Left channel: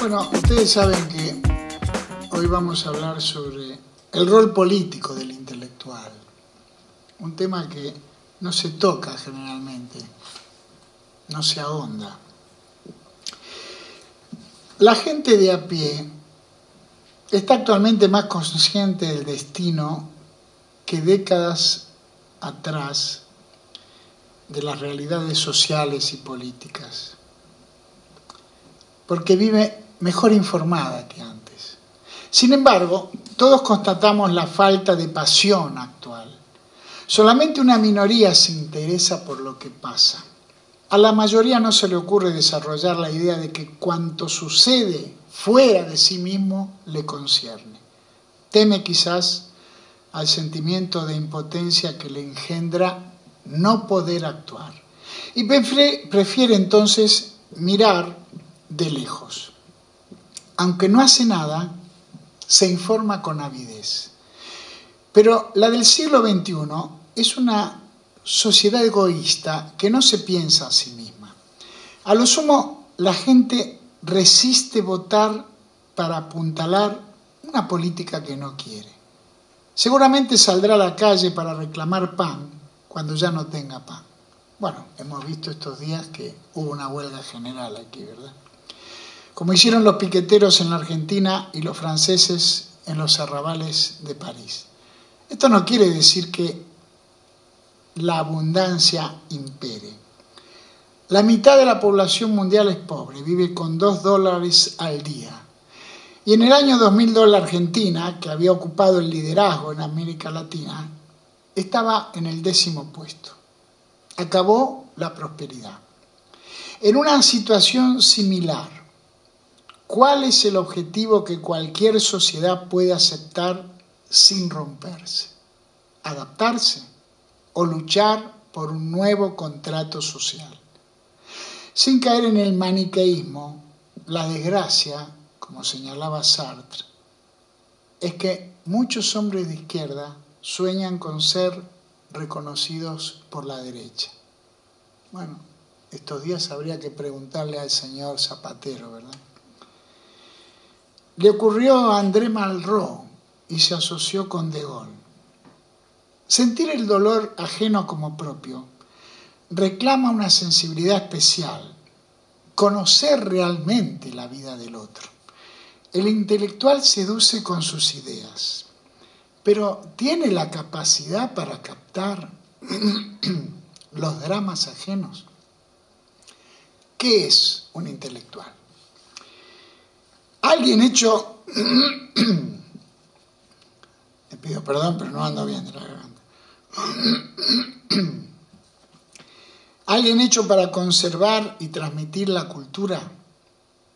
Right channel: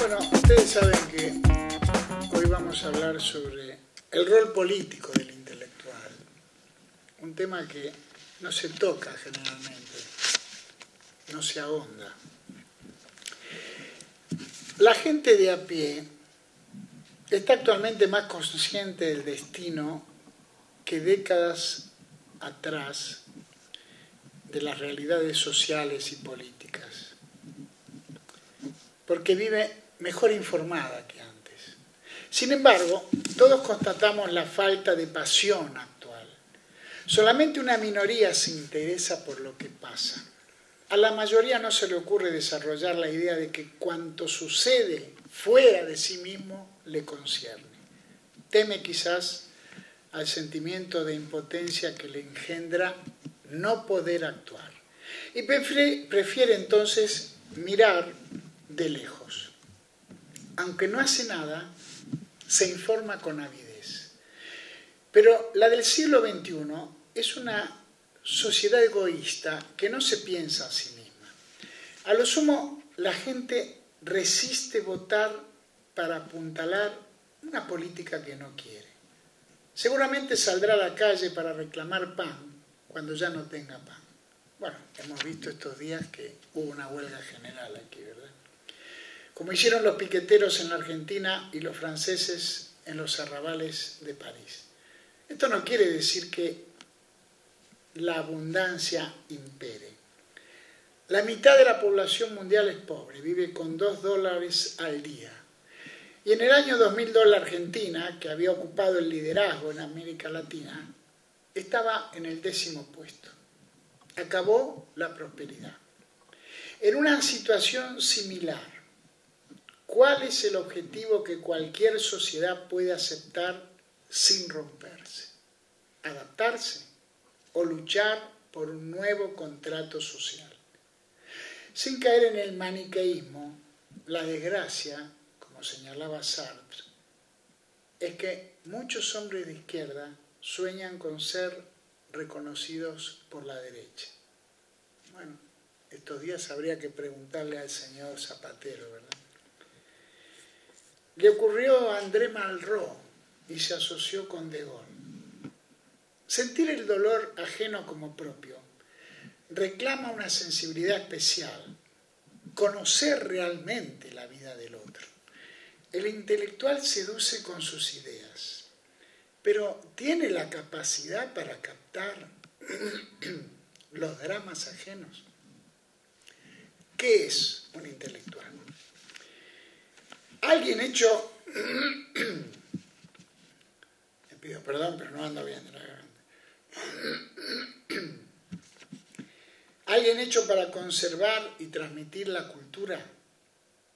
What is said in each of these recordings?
Bueno, ustedes saben que hoy vamos a hablar sobre el rol político del intelectual, un tema que no se toca generalmente, no se ahonda. La gente de a pie está actualmente más consciente del destino que décadas atrás de las realidades sociales y políticas, porque vive mejor informada que antes. Sin embargo, todos constatamos la falta de pasión actual. Solamente una minoría se interesa por lo que pasa. A la mayoría no se le ocurre desarrollar la idea de que cuanto sucede fuera de sí mismo le concierne. Teme quizás al sentimiento de impotencia que le engendra no poder actuar. Y prefiere entonces mirar de lejos. Aunque no hace nada, se informa con avidez. Pero la del siglo XXI es una sociedad egoísta que no se piensa a sí misma. A lo sumo, la gente resiste votar para apuntalar una política que no quiere. Seguramente saldrá a la calle para reclamar pan cuando ya no tenga pan. Bueno, hemos visto estos días que hubo una huelga general aquí, ¿verdad? Como hicieron los piqueteros en la Argentina y los franceses en los arrabales de París. Esto no quiere decir que la abundancia impere. La mitad de la población mundial es pobre, vive con $2 al día. Y en el año 2002 la Argentina, que había ocupado el liderazgo en América Latina, estaba en el 10º puesto. Acabó la prosperidad. En una situación similar, ¿cuál es el objetivo que cualquier sociedad puede aceptar sin romperse? ¿Adaptarse o luchar por un nuevo contrato social? Sin caer en el maniqueísmo, la desgracia, como señalaba Sartre, es que muchos hombres de izquierda sueñan con ser reconocidos por la derecha. Bueno, estos días habría que preguntarle al señor Zapatero, ¿verdad? Le ocurrió a André Malraux y se asoció con De Gaulle. Sentir el dolor ajeno como propio reclama una sensibilidad especial, conocer realmente la vida del otro. El intelectual seduce con sus ideas, pero ¿tiene la capacidad para captar los dramas ajenos? ¿Qué es un intelectual? Alguien hecho... Me pido perdón, pero no ando bien de la garganta. Alguien hecho para conservar y transmitir la cultura,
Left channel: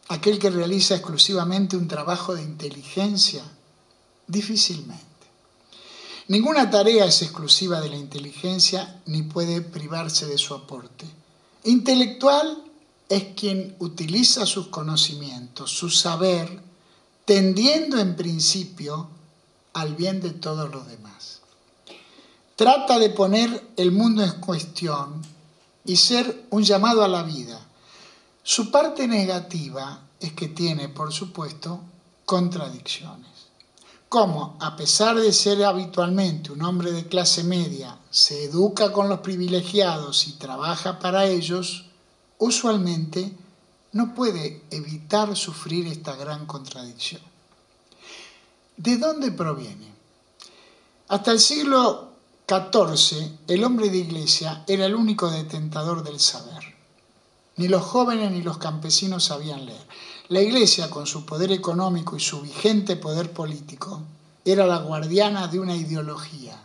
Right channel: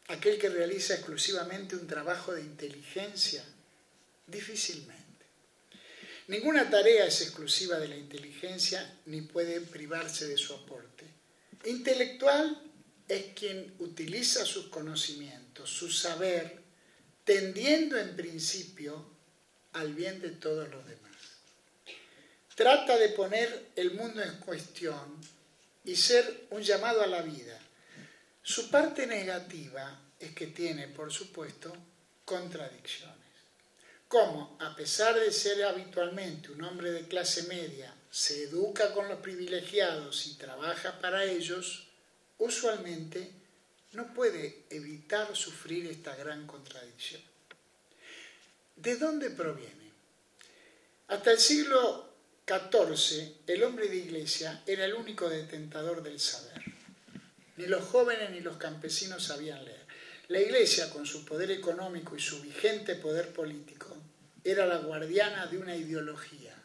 aquel que realiza exclusivamente un trabajo de inteligencia, difícilmente. Ninguna tarea es exclusiva de la inteligencia ni puede privarse de su aporte. Intelectual es quien utiliza sus conocimientos, su saber, tendiendo en principio al bien de todos los demás. Trata de poner el mundo en cuestión y ser un llamado a la vida. Su parte negativa es que tiene, por supuesto, contradicciones. Como, a pesar de ser habitualmente un hombre de clase media, se educa con los privilegiados y trabaja para ellos, usualmente no puede evitar sufrir esta gran contradicción. ¿De dónde proviene? Hasta el siglo XIV, el hombre de iglesia era el único detentador del saber. Ni los jóvenes ni los campesinos sabían leer. La iglesia, con su poder económico y su vigente poder político, era la guardiana de una ideología,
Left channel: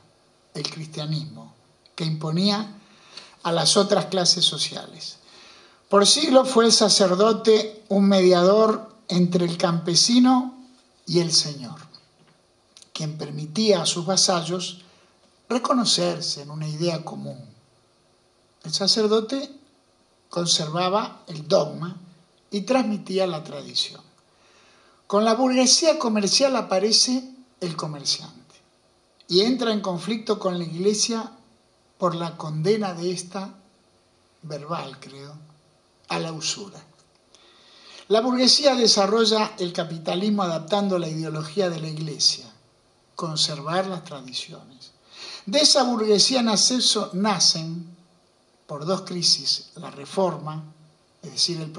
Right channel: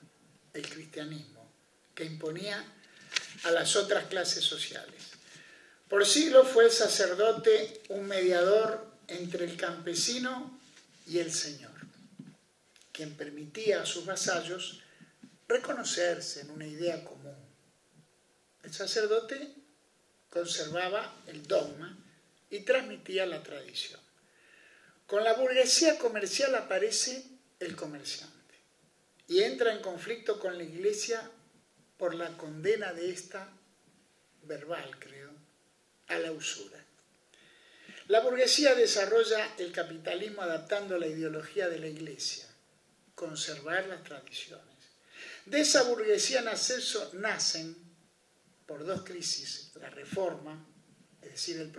el cristianismo, que imponía a las otras clases sociales. Por siglos fue el sacerdote un mediador entre el campesino y el Señor, quien permitía a sus vasallos reconocerse en una idea común. El sacerdote conservaba el dogma y transmitía la tradición. Con la burguesía comercial aparece el comerciante y entra en conflicto con la iglesia por la condena de esta, verbal creo, a la usura. La burguesía desarrolla el capitalismo adaptando la ideología de la Iglesia, conservar las tradiciones. De esa burguesía nacen, por dos crisis, la Reforma, es decir, el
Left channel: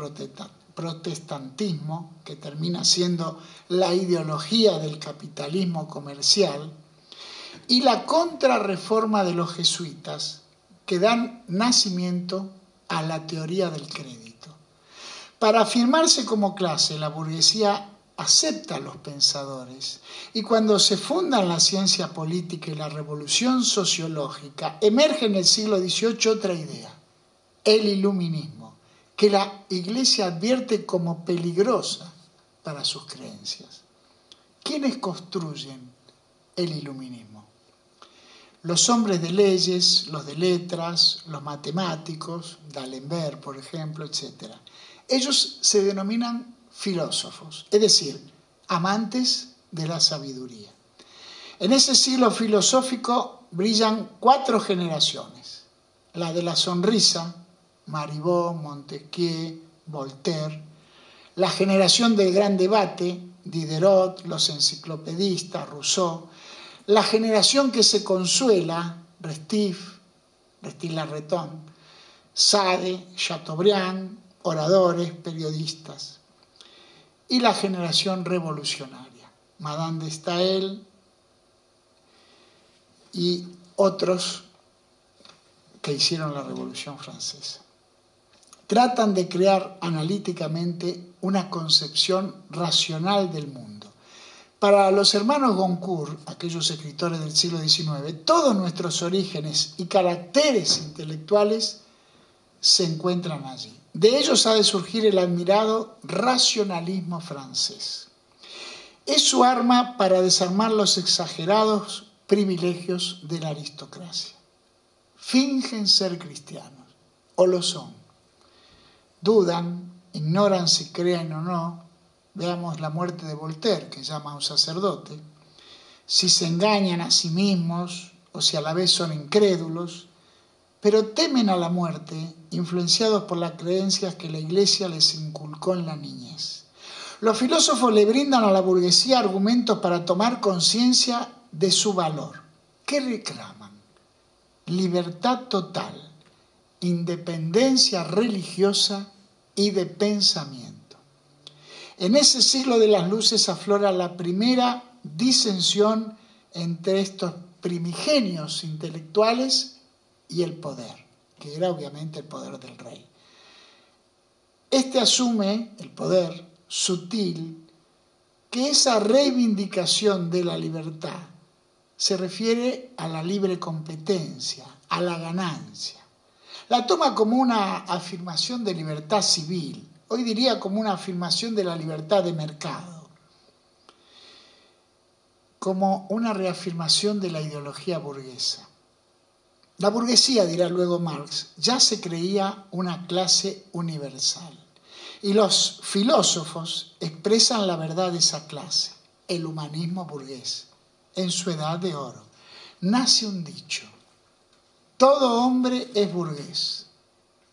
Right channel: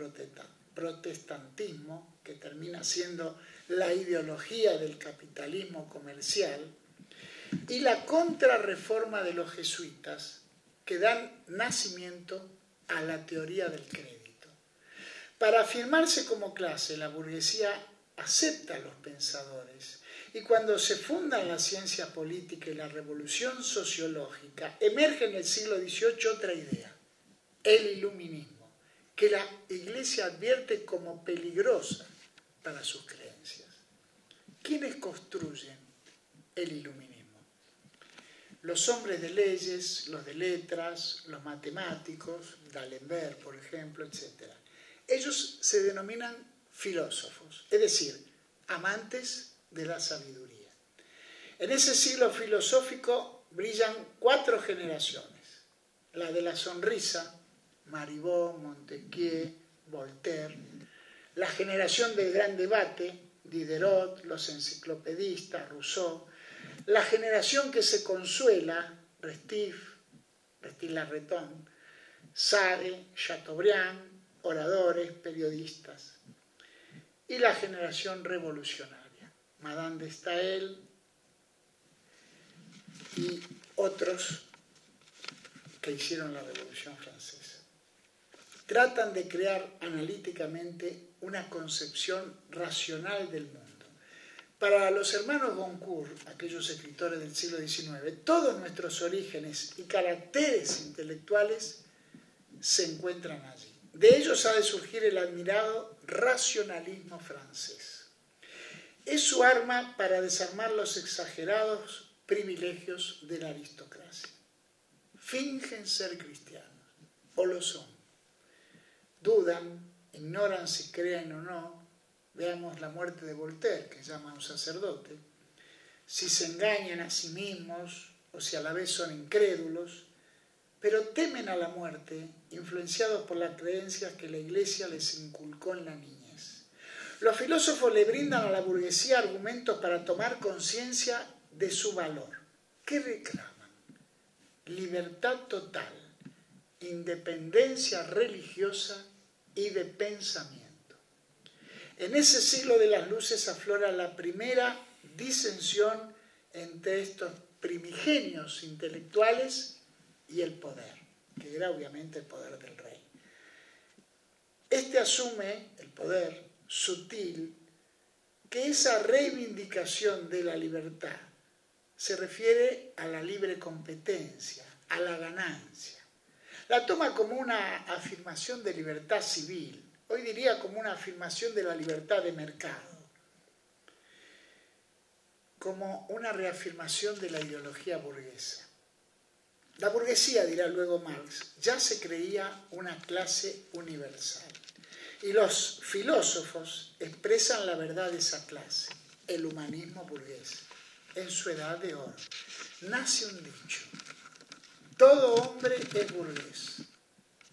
protestantismo, que termina siendo la ideología del capitalismo comercial, y la contrarreforma de los jesuitas, que dan nacimiento a la teoría del crédito. Para afirmarse como clase, la burguesía acepta a los pensadores, y cuando se fundan la ciencia política y la revolución sociológica, emerge en el siglo XVIII otra idea, el iluminismo, que la Iglesia advierte como peligrosa para sus creencias. ¿Quiénes construyen el iluminismo? Los hombres de leyes, los de letras, los matemáticos, D'Alembert, por ejemplo, etc. Ellos se denominan filósofos, es decir, amantes de la sabiduría. En ese siglo filosófico brillan 4 generaciones. La de la sonrisa, Marivaux, Montesquieu, Voltaire. La generación del gran debate, Diderot, los enciclopedistas, Rousseau. La generación que se consuela, Restif, Restif-Larreton, Sade, Chateaubriand, oradores, periodistas. Y la generación revolucionaria, Madame de Staël y otros que hicieron la Revolución Francesa. Tratan de crear analíticamente una concepción racional del mundo. Para los hermanos Goncourt, aquellos escritores del siglo XIX, todos nuestros orígenes y caracteres intelectuales se encuentran allí. De ellos ha de surgir el admirado racionalismo francés. Es su arma para desarmar los exagerados privilegios de la aristocracia. Fingen ser cristianos, o lo son. Dudan, ignoran si creen o no. Veamos la muerte de Voltaire, que llama a un sacerdote. Si se engañan a sí mismos, o si a la vez son incrédulos, pero temen a la muerte, influenciados por las creencias que la Iglesia les inculcó en la niñez. Los filósofos le brindan a la burguesía argumentos para tomar conciencia de su valor. ¿Qué reclaman? Libertad total, independencia religiosa y de pensamiento. En ese siglo de las luces aflora la primera disensión entre estos primigenios intelectuales y el poder, que era obviamente el poder del rey. Este asume el poder sutil que esa reivindicación de la libertad se refiere a la libre competencia, a la ganancia. La toma como una afirmación de libertad civil, hoy diría como una afirmación de la libertad de mercado, como una reafirmación de la ideología burguesa. La burguesía, dirá luego Marx, ya se creía una clase universal. Y los filósofos expresan la verdad de esa clase, el humanismo burgués, en su edad de oro. Nace un dicho, todo hombre es burgués,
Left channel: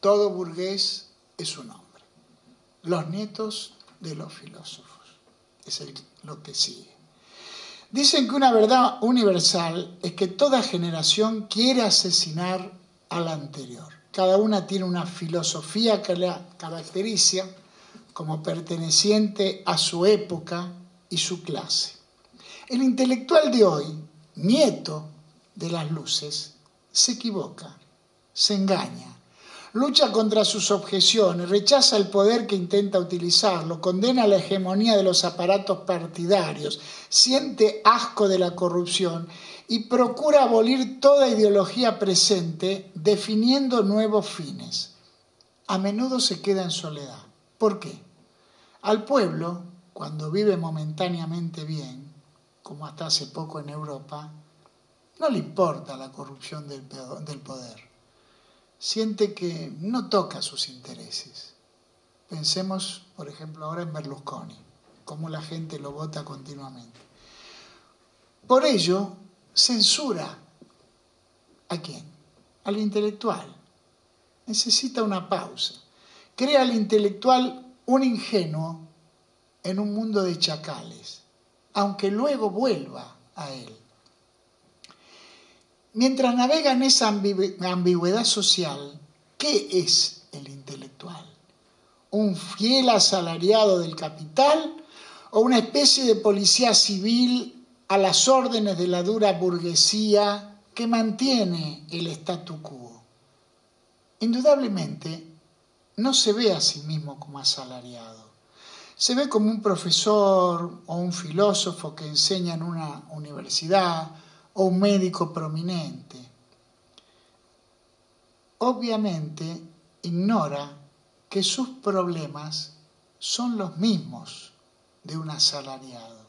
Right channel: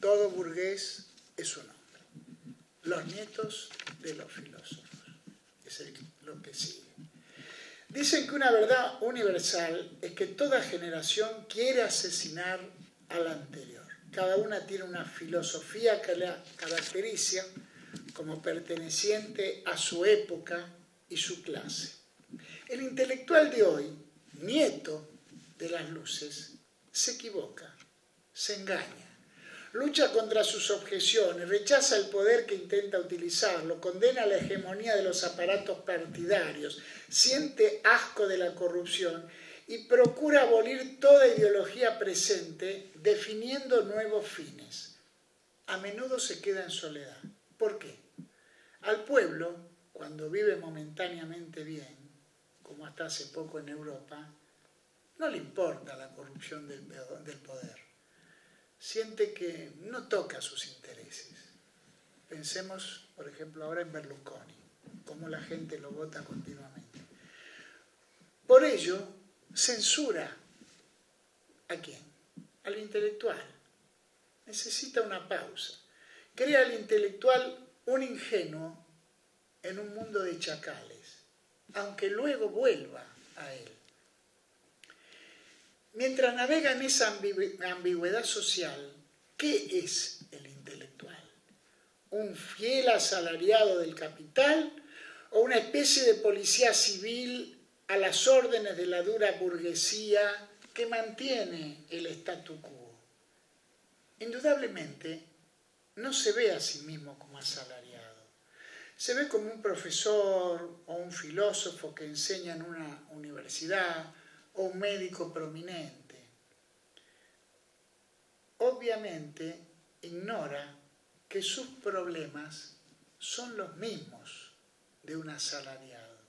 todo burgués es un hombre. Los nietos de los filósofos, es lo que sigue. Dicen que una verdad universal es que toda generación quiere asesinar a la anterior. Cada una tiene una filosofía que la caracteriza como perteneciente a su época y su clase. El intelectual de hoy, nieto de las luces, se equivoca, se engaña, lucha contra sus objeciones, rechaza el poder que intenta utilizarlo, condena la hegemonía de los aparatos partidarios, siente asco de la corrupción y procura abolir toda ideología presente definiendo nuevos fines. A menudo se queda en soledad. ¿Por qué? Al pueblo, cuando vive momentáneamente bien, como hasta hace poco en Europa, no le importa la corrupción del poder. Siente que no toca sus intereses. Pensemos, por ejemplo, ahora en Berlusconi, cómo la gente lo vota continuamente. Por ello, censura ¿a quién? Al intelectual. Necesita una pausa. Crea al intelectual un ingenuo en un mundo de chacales, aunque luego vuelva a él. Mientras navega en esa ambigüedad social, ¿qué es el intelectual? ¿Un fiel asalariado del capital o una especie de policía civil a las órdenes de la dura burguesía que mantiene el statu quo? Indudablemente, no se ve a sí mismo como asalariado. Se ve como un profesor o un filósofo que enseña en una universidad o un médico prominente. Obviamente, ignora que sus problemas son los mismos de un asalariado.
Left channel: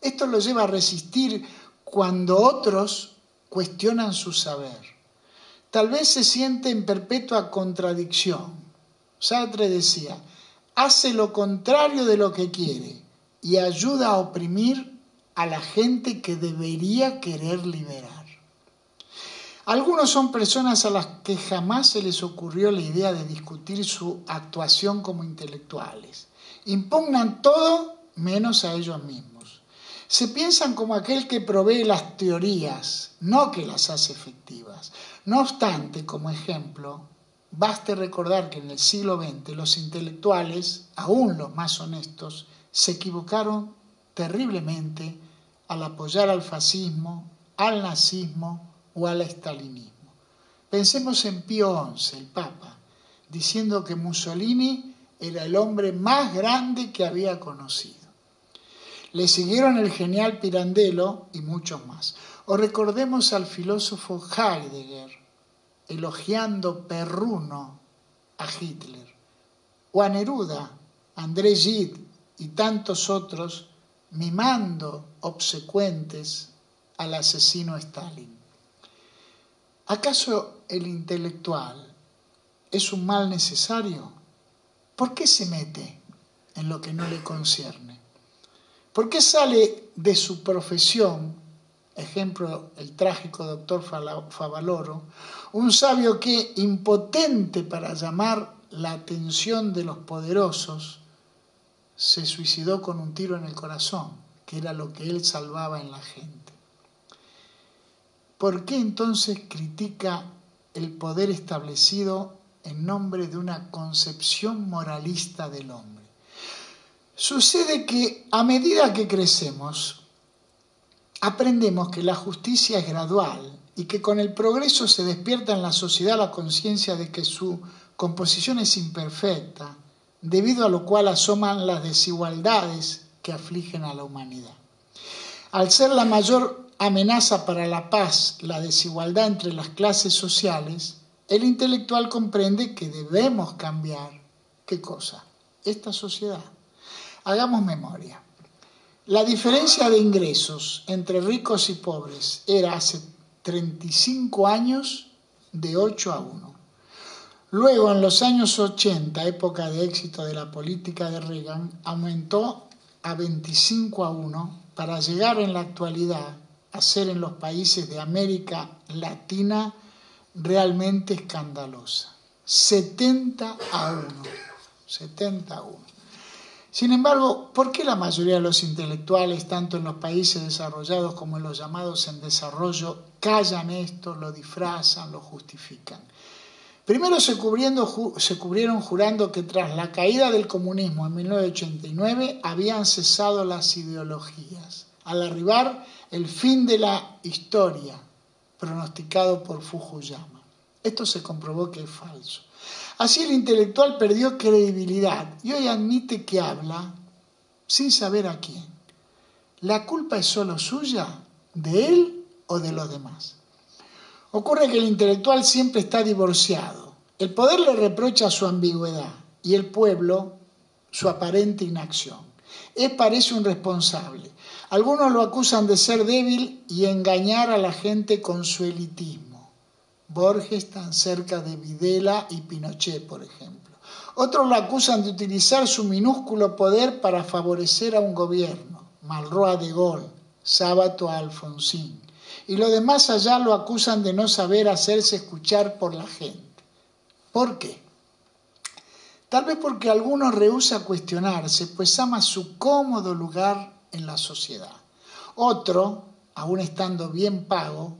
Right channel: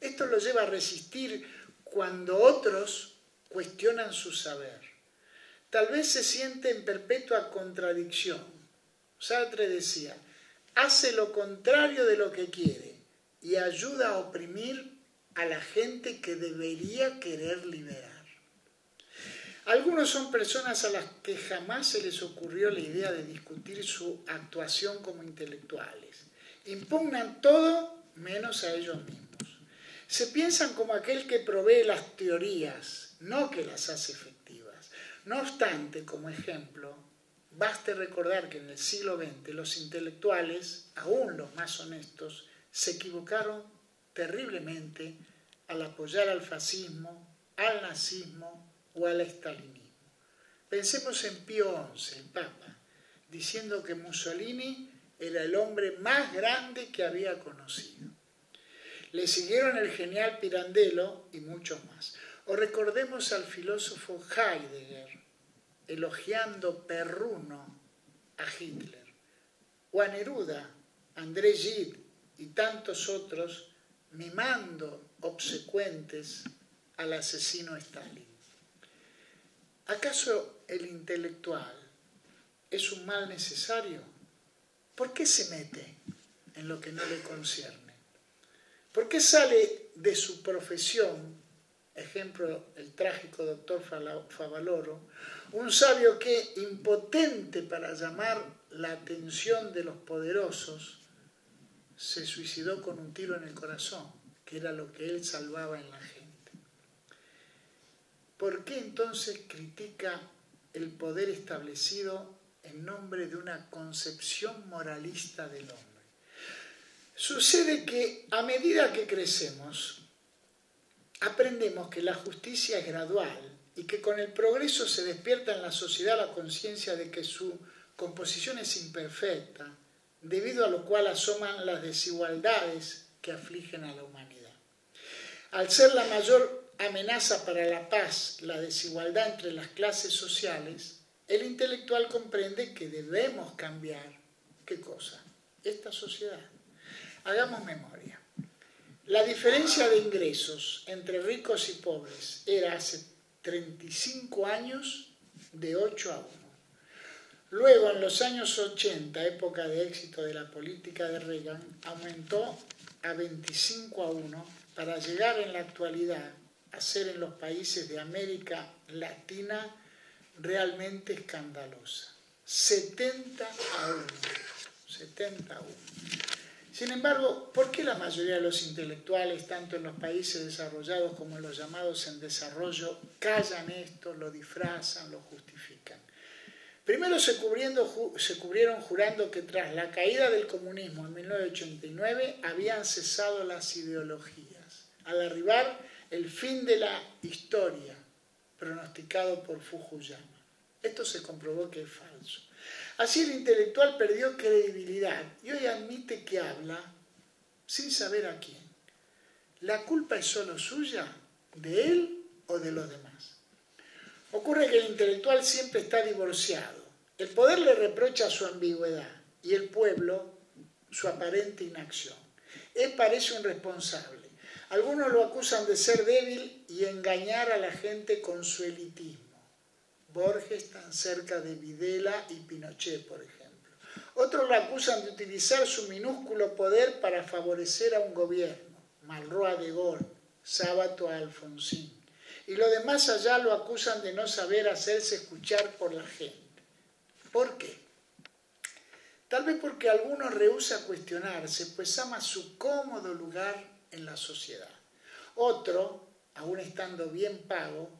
Esto lo lleva a resistir cuando otros cuestionan su saber. Tal vez se siente en perpetua contradicción. Sartre decía, hace lo contrario de lo que quiere y ayuda a oprimir a la gente que debería querer liberar. Algunos son personas a las que jamás se les ocurrió la idea de discutir su actuación como intelectuales. Impugnan todo menos a ellos mismos. Se piensan como aquel que provee las teorías, no que las hace efectivas. No obstante, como ejemplo, baste recordar que en el siglo XX los intelectuales, aún los más honestos, se equivocaron terriblemente al apoyar al fascismo, al nazismo o al estalinismo. Pensemos en Pío XI, el Papa, diciendo que Mussolini era el hombre más grande que había conocido. Le siguieron el genial Pirandello y muchos más. O recordemos al filósofo Heidegger, elogiando perruno a Hitler, o a Neruda, André Gide y tantos otros mimando obsecuentes al asesino Stalin. ¿Acaso el intelectual es un mal necesario? ¿Por qué se mete en lo que no le concierne? ¿Por qué sale de su profesión, ejemplo el trágico doctor Favaloro, un sabio que, impotente para llamar la atención de los poderosos, se suicidó con un tiro en el corazón, que era lo que él salvaba en la gente? ¿Por qué entonces critica el poder establecido en nombre de una concepción moralista del hombre? Sucede que a medida que crecemos, aprendemos que la justicia es gradual y que con el progreso se despierta en la sociedad la conciencia de que su composición es imperfecta, debido a lo cual asoman las desigualdades que afligen a la humanidad. Al ser la mayor amenaza para la paz la desigualdad entre las clases sociales, el intelectual comprende que debemos cambiar, ¿qué cosa? Esta sociedad. Hagamos memoria. La diferencia de ingresos entre ricos y pobres era hace 35 años de 8-1. Luego, en los años 80, época de éxito de la política de Reagan, aumentó a 25-1 para llegar en la actualidad a ser en los países de América Latina realmente escandalosa. 70-1. 70-1. Sin embargo, ¿por qué la mayoría de los intelectuales, tanto en los países desarrollados como en los llamados en desarrollo, callan esto, lo disfrazan, lo justifican? Primero se cubrieron jurando que tras la caída del comunismo en 1989 habían cesado las ideologías, al arribar el fin de la historia pronosticado por Fukuyama. Esto se comprobó que es falso. Así el intelectual perdió credibilidad y hoy admite que habla sin saber a quién. ¿La culpa es solo suya, de él o de los demás? Ocurre que el intelectual siempre está divorciado. El poder le reprocha su ambigüedad y el pueblo su aparente inacción. Parece un responsable. Algunos lo acusan de ser débil y engañar a la gente con su elitismo. Borges tan cerca de Videla y Pinochet, por ejemplo. Otros lo acusan de utilizar su minúsculo poder para favorecer a un gobierno. Malraux a De Gaulle, Sábato a Alfonsín. Y los demás allá lo acusan de no saber hacerse escuchar por la gente. ¿Por qué? Tal vez porque alguno rehúsa cuestionarse, pues ama su cómodo lugar en la sociedad. Otro, aún estando bien pago,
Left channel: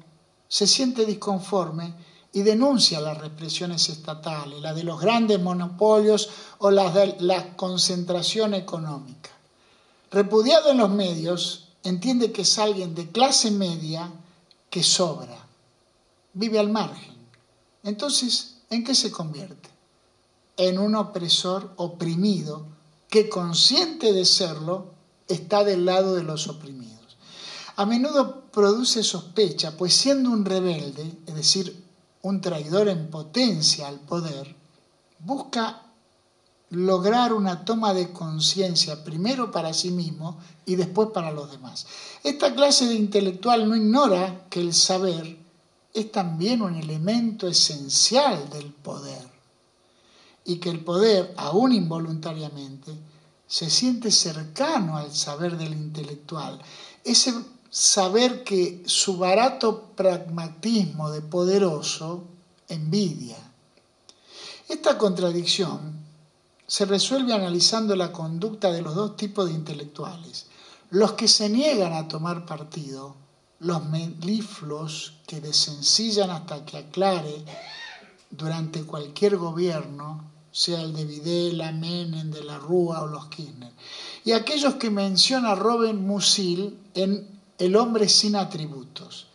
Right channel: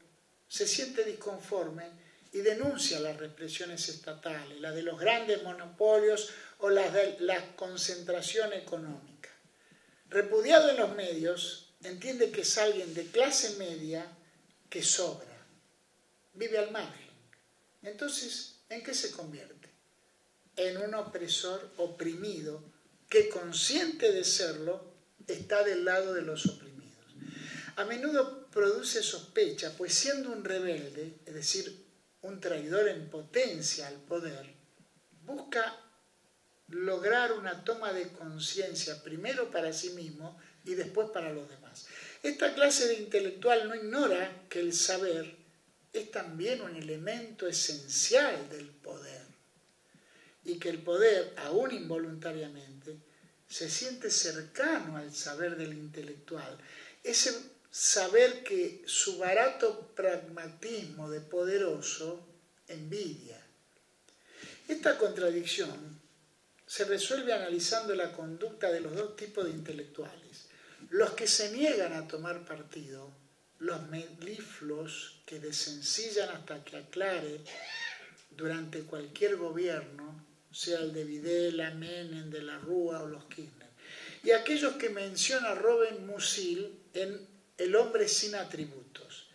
se siente disconforme y denuncia las represiones estatales, la de los grandes monopolios o las de la concentración económica. Repudiado en los medios, entiende que es alguien de clase media que sobra, vive al margen. Entonces, ¿en qué se convierte? En un opresor oprimido que, consciente de serlo, está del lado de los oprimidos. A menudo produce sospecha, pues siendo un rebelde, es decir, un traidor en potencia al poder, busca lograr una toma de conciencia primero para sí mismo y después para los demás. Esta clase de intelectual no ignora que el saber es también un elemento esencial del poder y que el poder, aún involuntariamente, se siente cercano al saber del intelectual. Ese saber que su barato pragmatismo de poderoso envidia. Esta contradicción se resuelve analizando la conducta de los dos tipos de intelectuales. Los que se niegan a tomar partido, los melifluos que desencillan hasta que aclare durante cualquier gobierno, sea el de Videla, Menem, de la Rúa o los Kirchner. Y aquellos que menciona Robert Musil en El hombre sin atributos.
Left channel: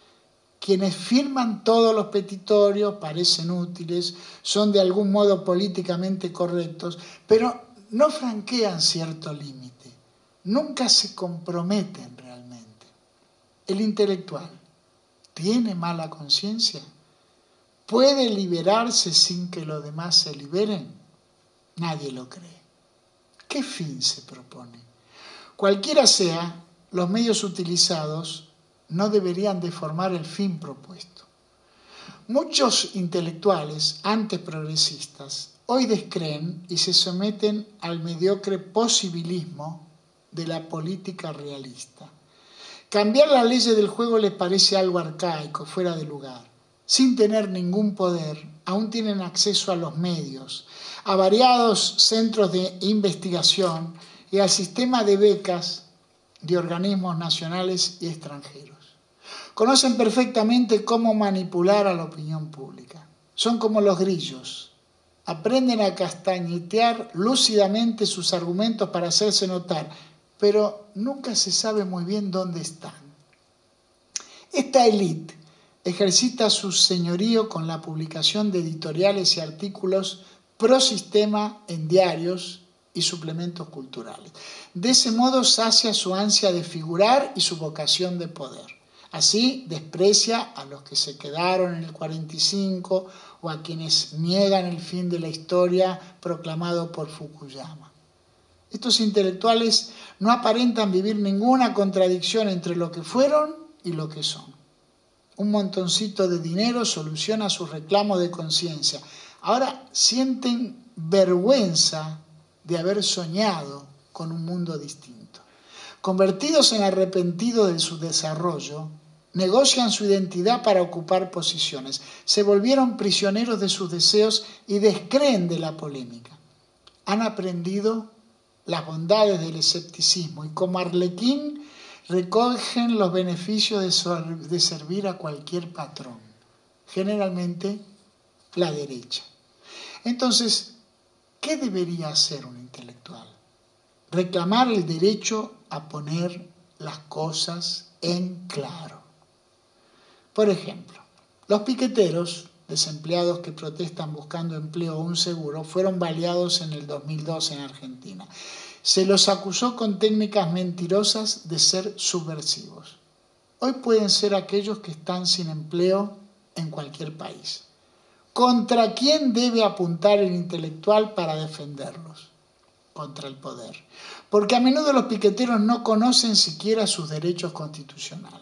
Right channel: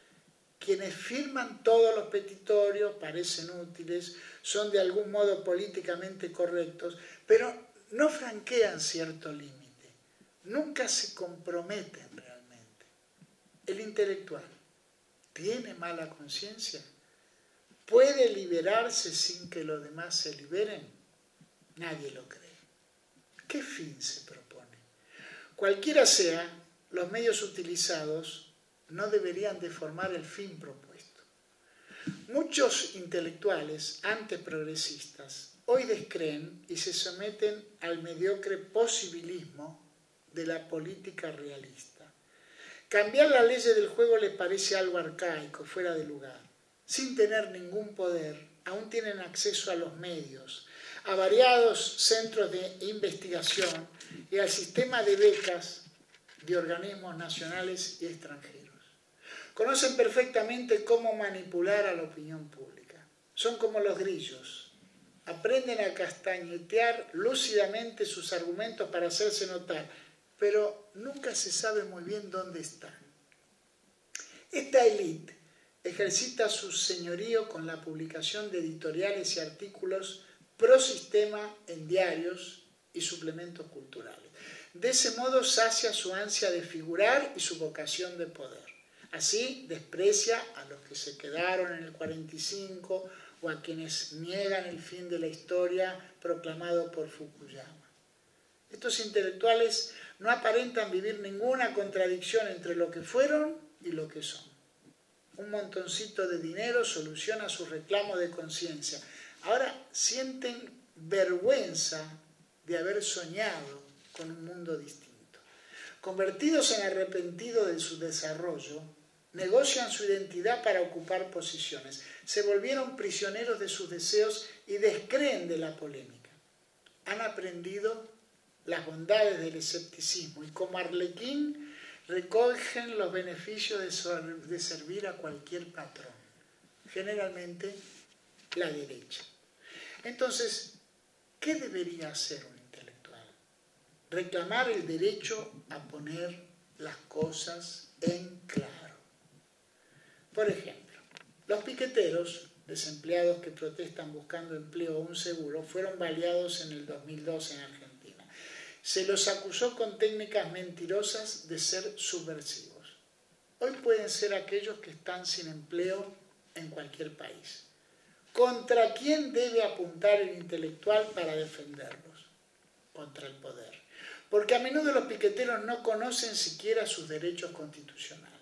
Quienes firman todos los petitorios, parecen útiles, son de algún modo políticamente correctos, pero no franquean cierto límite, nunca se comprometen realmente. El intelectual tiene mala conciencia, puede liberarse sin que los demás se liberen. Nadie lo cree. ¿Qué fin se propone? Cualquiera sea, los medios utilizados no deberían deformar el fin propuesto. Muchos intelectuales, antes progresistas, hoy descreen y se someten al mediocre posibilismo de la política realista. Cambiar las leyes del juego les parece algo arcaico, fuera de lugar. Sin tener ningún poder, aún tienen acceso a los medios, a variados centros de investigación y al sistema de becas de organismos nacionales y extranjeros. Conocen perfectamente cómo manipular a la opinión pública. Son como los grillos. Aprenden a castañetear lúcidamente sus argumentos para hacerse notar, pero nunca se sabe muy bien dónde están. Esta élite ejercita su señorío con la publicación de editoriales y artículos pro sistema en diarios y suplementos culturales. De ese modo sacia su ansia de figurar y su vocación de poder. Así desprecia a los que se quedaron en el 45 o a quienes niegan el fin de la historia proclamado por Fukuyama. Estos intelectuales no aparentan vivir ninguna contradicción entre lo que fueron y lo que son. Un montoncito de dinero soluciona sus reclamos de conciencia. Ahora sienten vergüenza de haber soñado con un mundo distinto. Convertidos en arrepentidos de su desarrollo, negocian su identidad para ocupar posiciones. Se volvieron prisioneros de sus deseos y descreen de la polémica. Han aprendido las bondades del escepticismo y como arlequín recogen los beneficios de servir a cualquier patrón, generalmente la derecha. Entonces, ¿qué debería hacer un intelectual? Reclamar el derecho a poner las cosas en claro. Por ejemplo, los piqueteros, desempleados que protestan buscando empleo o un seguro, fueron baleados en el 2002 en Argentina. Se los acusó con técnicas mentirosas de ser subversivos. Hoy pueden ser aquellos que están sin empleo en cualquier país. ¿Contra quién debe apuntar el intelectual para defenderlos? Contra el poder. Porque a menudo los piqueteros no conocen siquiera sus derechos constitucionales.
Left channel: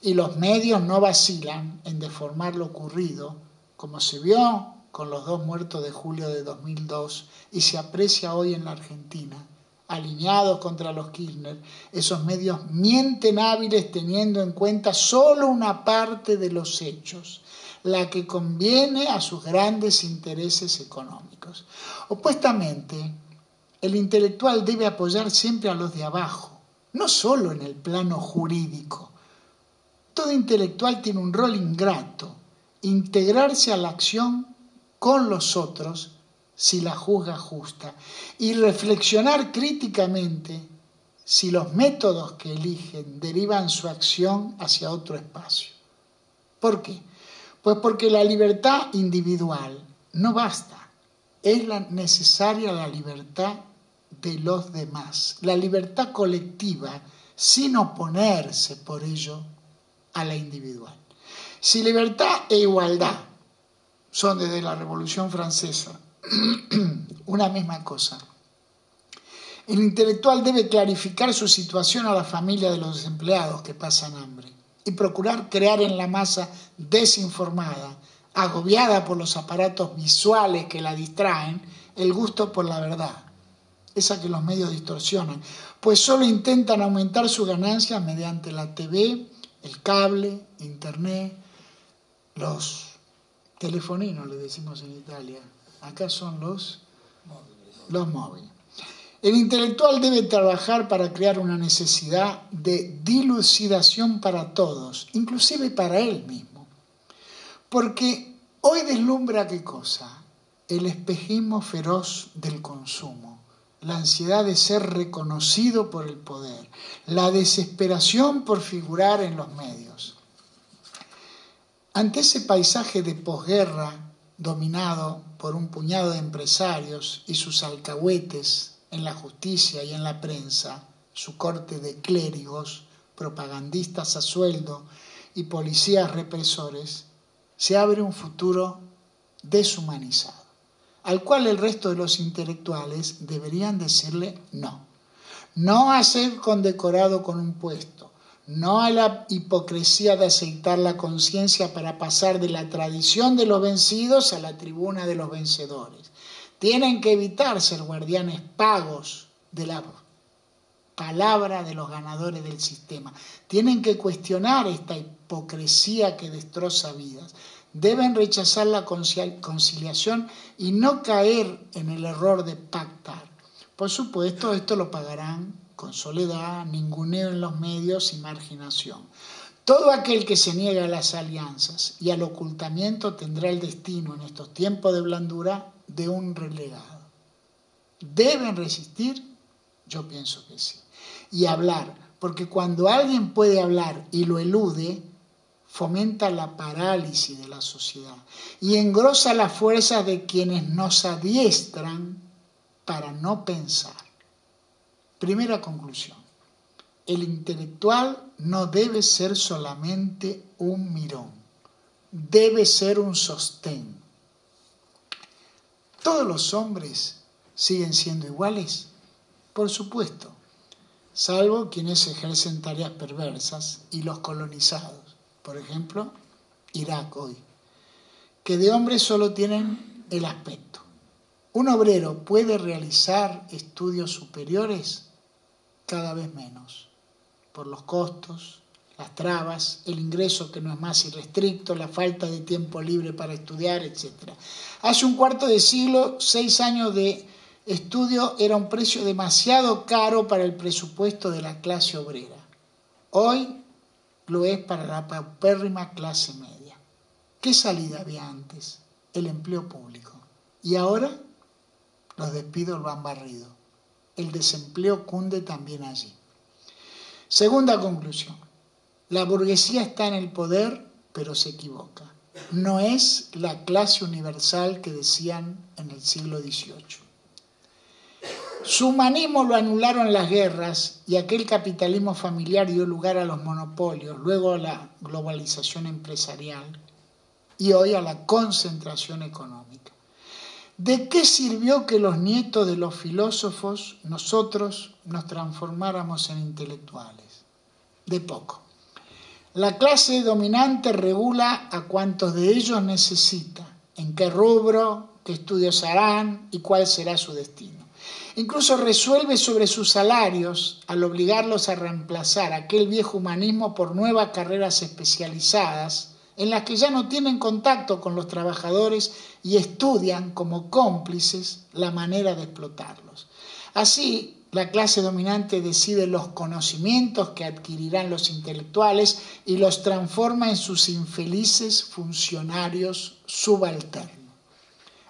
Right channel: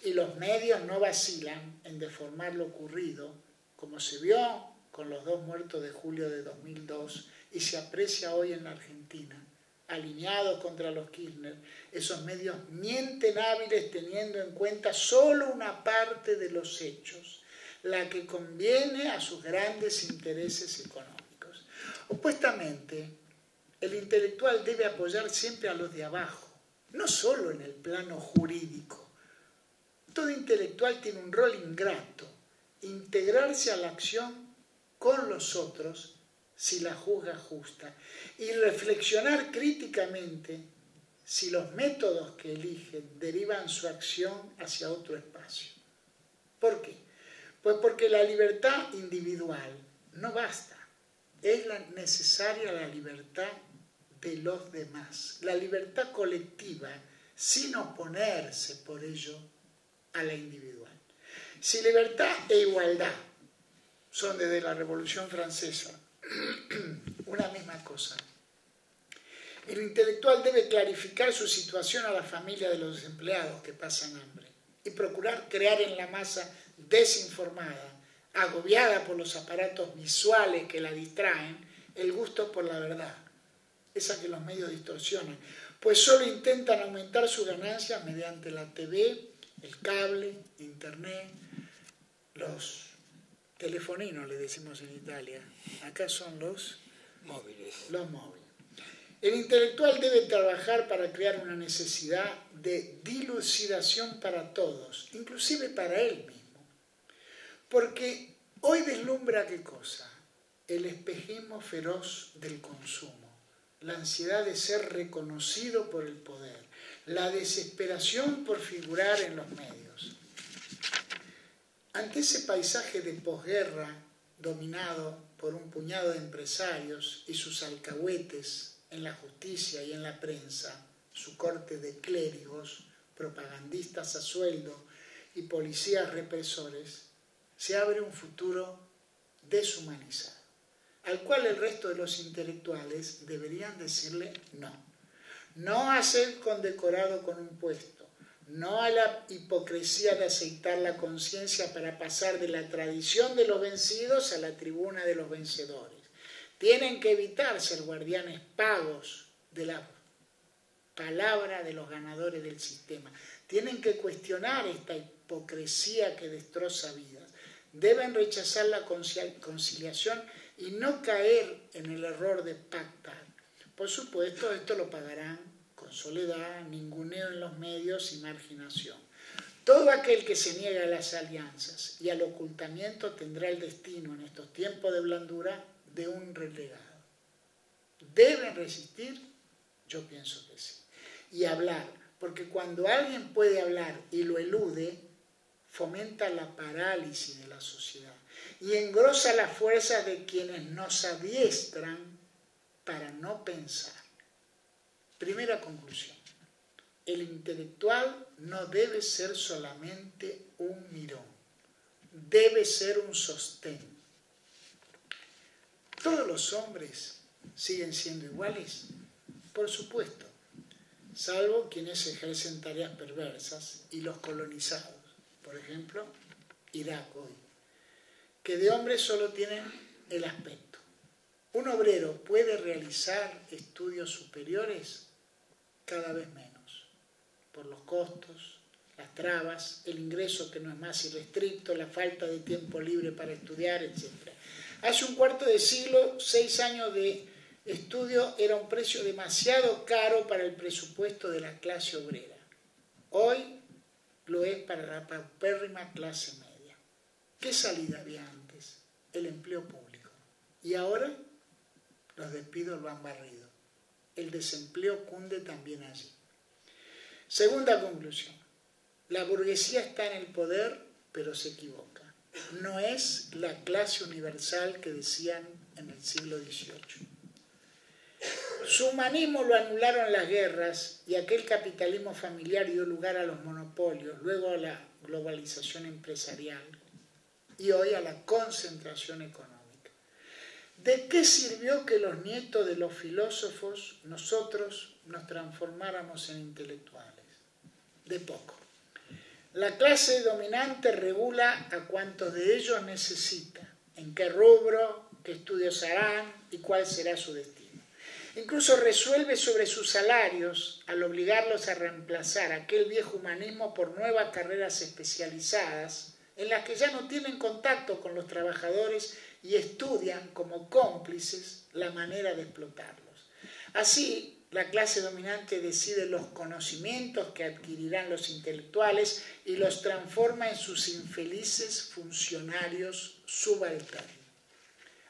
Y los medios no vacilan en deformar lo ocurrido, como se vio con los 2 muertos de julio de 2002 y se aprecia hoy en la Argentina. Alineados contra los Kirchner, esos medios mienten hábiles teniendo en cuenta solo una parte de los hechos. la que conviene a sus grandes intereses económicos. Opuestamente, el intelectual debe apoyar siempre a los de abajo, no solo en el plano jurídico. Todo intelectual tiene un rol ingrato, integrarse a la acción con los otros si la juzga justa y reflexionar críticamente si los métodos que eligen derivan su acción hacia otro espacio. ¿Por qué? Pues porque la libertad individual no basta, es necesaria la libertad de los demás, la libertad colectiva sin oponerse por ello a la individual. Si libertad e igualdad son desde la Revolución Francesa una misma cosa, el intelectual debe clarificar su situación a la familia de los desempleados que pasan hambre y procurar crear en la masa desinformada, agobiada por los aparatos visuales que la distraen, el gusto por la verdad, esa que los medios distorsionan, pues solo intentan aumentar sus ganancias mediante la TV, el cable, internet, los telefoninos, le decimos en Italia. Acá son los móviles. El intelectual debe trabajar para crear una necesidad de dilucidación para todos, inclusive para él mismo. Porque hoy deslumbra ¿qué cosa? El espejismo feroz del consumo, la ansiedad de ser reconocido por el poder, la desesperación por figurar en los medios. Ante ese paisaje de posguerra dominado por un puñado de empresarios y sus alcahuetes en la justicia y en la prensa, su corte de clérigos, propagandistas a sueldo y policías represores, se abre un futuro deshumanizado, al cual el resto de los intelectuales deberían decirle no. No a ser condecorado con un puesto, no a la hipocresía de aceitar la conciencia para pasar de la tradición de los vencidos a la tribuna de los vencedores. Tienen que evitar ser guardianes pagos de la palabra de los ganadores del sistema. Tienen que cuestionar esta hipocresía que destroza vidas. Deben rechazar la conciliación y no caer en el error de pactar. Por supuesto, esto lo pagarán con soledad, ninguneo en los medios y marginación. Todo aquel que se niega a las alianzas y al ocultamiento tendrá el destino en estos tiempos de blandura de un relegado. ¿Deben resistir? Yo pienso que sí. Y hablar, porque cuando alguien puede hablar y lo elude, fomenta la parálisis de la sociedad y engrosa las fuerzas de quienes nos adiestran para no pensar. Primera conclusión. El intelectual no debe ser solamente un mirón, debe ser un sostén. ¿Todos los hombres siguen siendo iguales? Por supuesto, salvo quienes ejercen tareas perversas y los colonizados. Por ejemplo, Irak hoy, que de hombres solo tienen el aspecto. ¿Un obrero puede realizar estudios superiores? Cada vez menos, por los costos, las trabas, el ingreso que no es más irrestricto, la falta de tiempo libre para estudiar, etc. Hace un cuarto de siglo, 6 años de estudio era un precio demasiado caro para el presupuesto de la clase obrera. Hoy lo es para la paupérrima clase media. ¿Qué salida había antes? El empleo público. Y ahora los despidos lo han barrido. El desempleo cunde también allí. Segunda conclusión. La burguesía está en el poder, pero se equivoca. No es la clase universal que decían en el siglo XVIII. Su humanismo lo anularon las guerras y aquel capitalismo familiar dio lugar a los monopolios, luego a la globalización empresarial y hoy a la concentración económica. ¿De qué sirvió que los nietos de los filósofos, nosotros, nos transformáramos en intelectuales? De poco. La clase dominante regula a cuantos de ellos necesita, en qué rubro, qué estudios harán y cuál será su destino. Incluso resuelve sobre sus salarios al obligarlos a reemplazar aquel viejo humanismo por nuevas carreras especializadas en las que ya no tienen contacto con los trabajadores y estudian como cómplices la manera de explotarlos. Así, la clase dominante decide los conocimientos que adquirirán los intelectuales y los transforma en sus infelices funcionarios subalternos.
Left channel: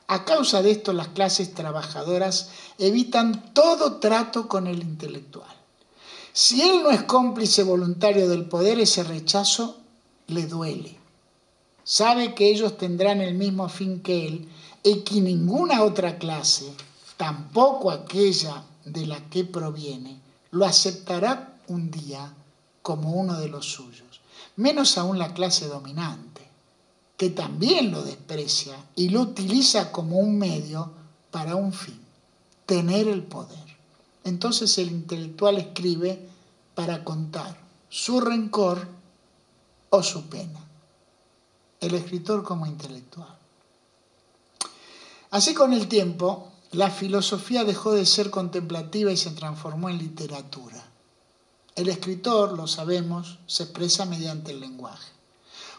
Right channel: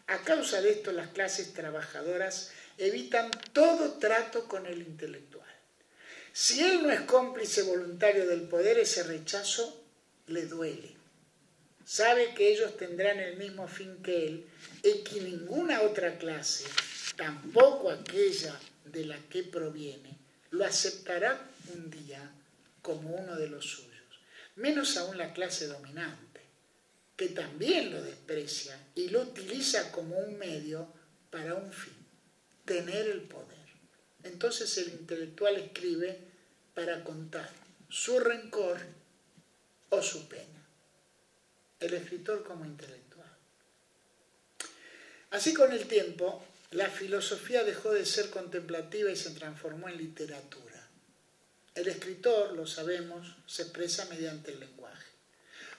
A causa de esto, las clases trabajadoras evitan todo trato con el intelectual. Si él no es cómplice voluntario del poder, ese rechazo le duele. Sabe que ellos tendrán el mismo fin que él y que ninguna otra clase, tampoco aquella de la que proviene, lo aceptará un día como uno de los suyos, menos aún la clase dominante, que también lo desprecia y lo utiliza como un medio para un fin, tener el poder. Entonces el intelectual escribe para contar su rencor o su pena. El escritor como intelectual. Así, con el tiempo, la filosofía dejó de ser contemplativa y se transformó en literatura. El escritor, lo sabemos, se expresa mediante el lenguaje.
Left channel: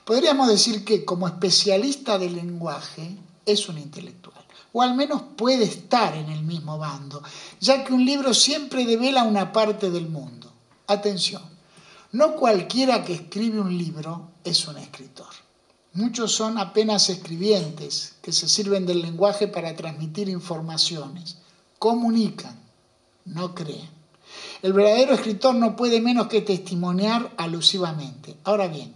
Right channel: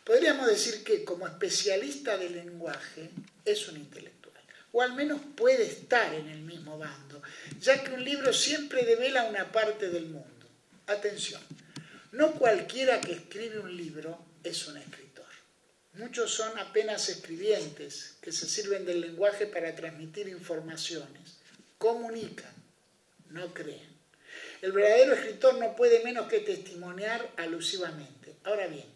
Podríamos decir que, como especialista del lenguaje, es un intelectual, o al menos puede estar en el mismo bando, ya que un libro siempre devela una parte del mundo. Atención, no cualquiera que escribe un libro es un escritor. Muchos son apenas escribientes que se sirven del lenguaje para transmitir informaciones. Comunican, no creen. El verdadero escritor no puede menos que testimoniar alusivamente. Ahora bien,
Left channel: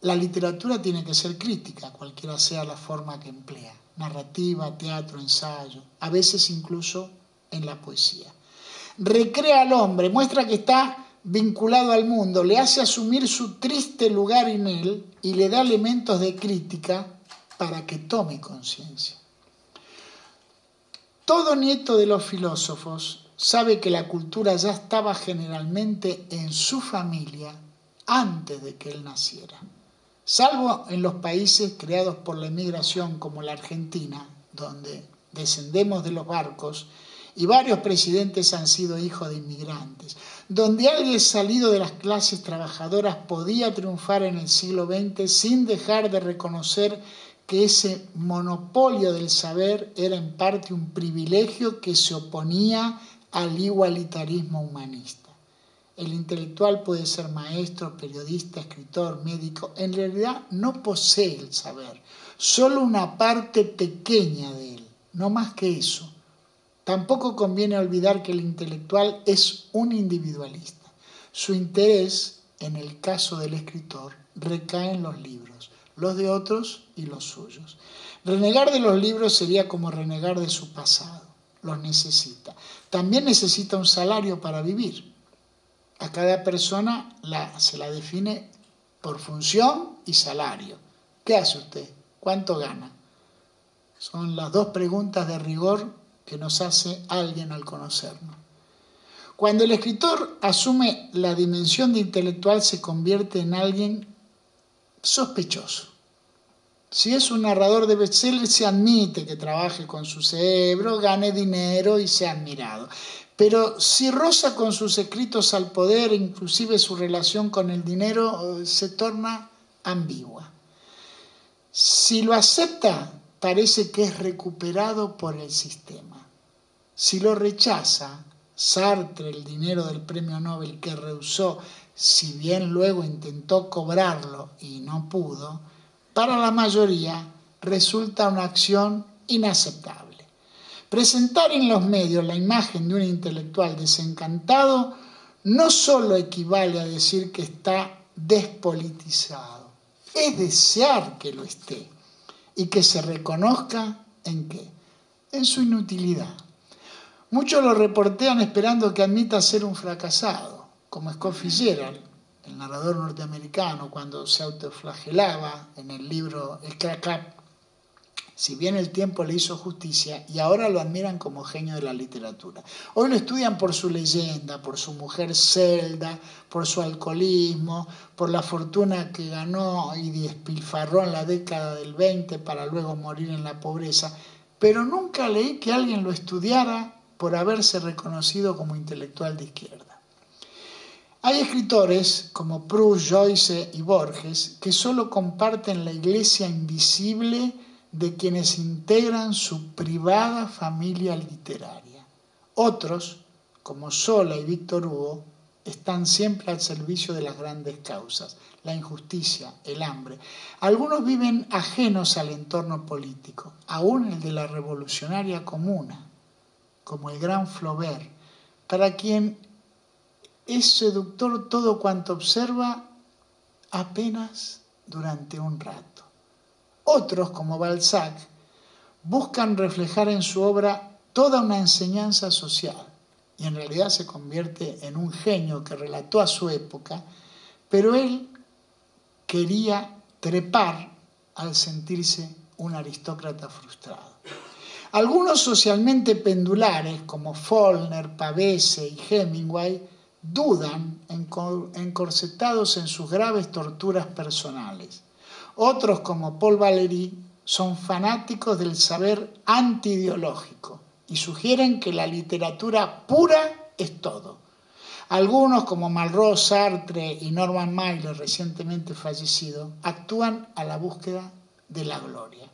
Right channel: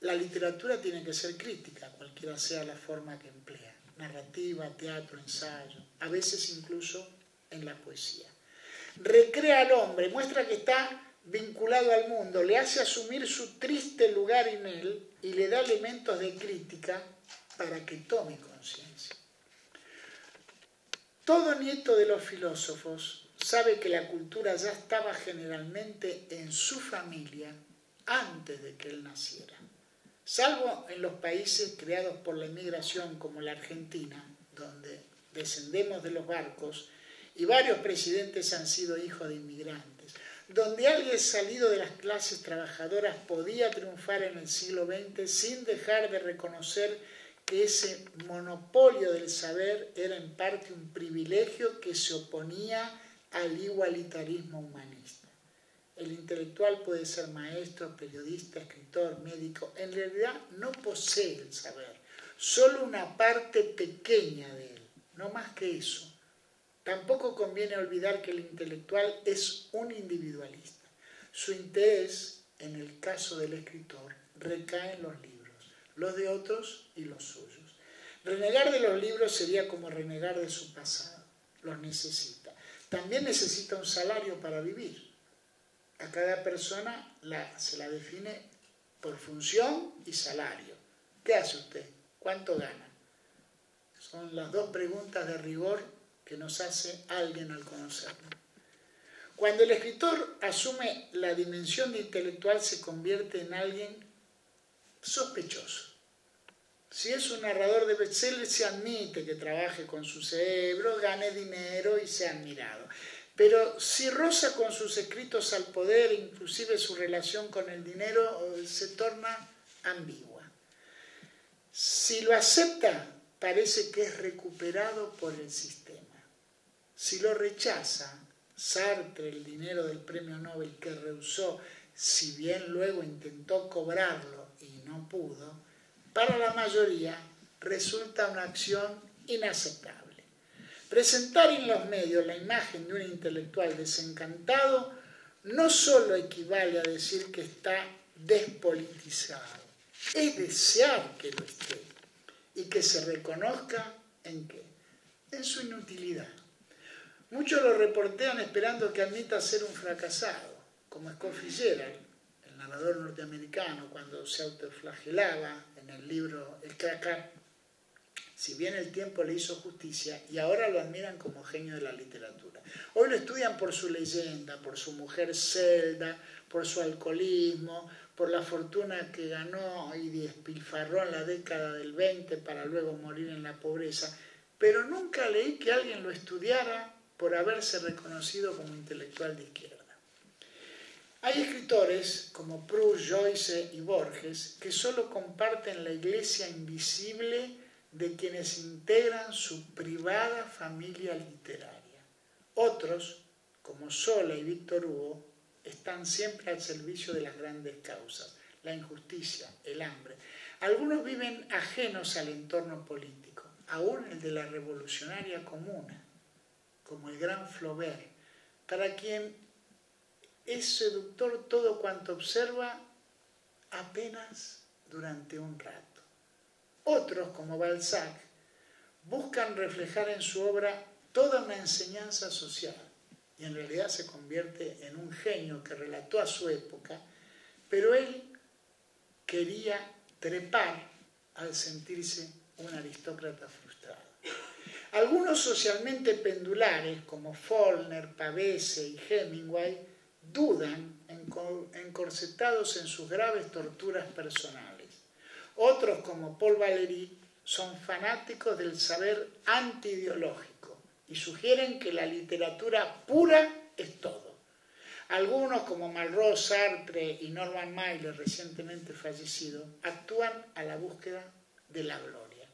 la literatura tiene que ser crítica, cualquiera sea la forma que emplea. Narrativa, teatro, ensayo, a veces incluso en la poesía. Recrea al hombre, muestra que está vinculado al mundo, le hace asumir su triste lugar en él y le da elementos de crítica para que tome conciencia. Todo nieto de los filósofos sabe que la cultura ya estaba generalmente en su familia antes de que él naciera. Salvo en los países creados por la emigración como la Argentina, donde descendemos de los barcos y varios presidentes han sido hijos de inmigrantes, donde alguien salido de las clases trabajadoras podía triunfar en el siglo XX sin dejar de reconocer que ese monopolio del saber era en parte un privilegio que se oponía al igualitarismo humanista. El intelectual puede ser maestro, periodista, escritor, médico. En realidad no posee el saber, solo una parte pequeña de él, no más que eso. Tampoco conviene olvidar que el intelectual es un individualista. Su interés, en el caso del escritor, recae en los libros, los de otros y los suyos. Renegar de los libros sería como renegar de su pasado. Los necesita. También necesita un salario para vivir. A cada persona se la define por función y salario. ¿Qué hace usted? ¿Cuánto gana? Son las dos preguntas de rigor que nos hace alguien al conocernos. Cuando el escritor asume la dimensión de intelectual, se convierte en alguien sospechoso. Si es un narrador de bestseller, se admite que trabaje con su cerebro, gane dinero y sea admirado. Pero si roza con sus escritos al poder, inclusive su relación con el dinero, se torna ambigua. Si lo acepta, parece que es recuperado por el sistema. Si lo rechaza, Sartre, el dinero del premio Nobel que rehusó, si bien luego intentó cobrarlo y no pudo, para la mayoría resulta una acción inaceptable. Presentar en los medios la imagen de un intelectual desencantado no solo equivale a decir que está despolitizado, es desear que lo esté y que se reconozca ¿en qué? En su inutilidad. Muchos lo reportean esperando que admita ser un fracasado, como Scott Fitzgerald, el narrador norteamericano, cuando se autoflagelaba en el libro El Crack-Up. Si bien el tiempo le hizo justicia, y ahora lo admiran como genio de la literatura. Hoy lo estudian por su leyenda, por su mujer Zelda, por su alcoholismo, por la fortuna que ganó y despilfarró en la década del 20 para luego morir en la pobreza. Pero nunca leí que alguien lo estudiara por haberse reconocido como intelectual de izquierda. Hay escritores como Proust, Joyce y Borges que solo comparten la iglesia invisible de quienes integran su privada familia literaria. Otros, como Zola y Víctor Hugo, están siempre al servicio de las grandes causas, la injusticia, el hambre. Algunos viven ajenos al entorno político, aún el de la revolucionaria comuna, como el gran Flaubert, para quien es seductor todo cuanto observa apenas durante un rato. Otros, como Balzac, buscan reflejar en su obra toda una enseñanza social y en realidad se convierte en un genio que relató a su época, pero él quería trepar al sentirse un aristócrata frustrado. Algunos socialmente pendulares, como Faulkner, Pavese y Hemingway, dudan encorsetados en sus graves torturas personales. Otros, como Paul Valéry, son fanáticos del saber antiideológico y sugieren que la literatura pura es todo. Algunos, como Malraux, Sartre y Norman Mailer, recientemente fallecido, actúan a la búsqueda de la gloria.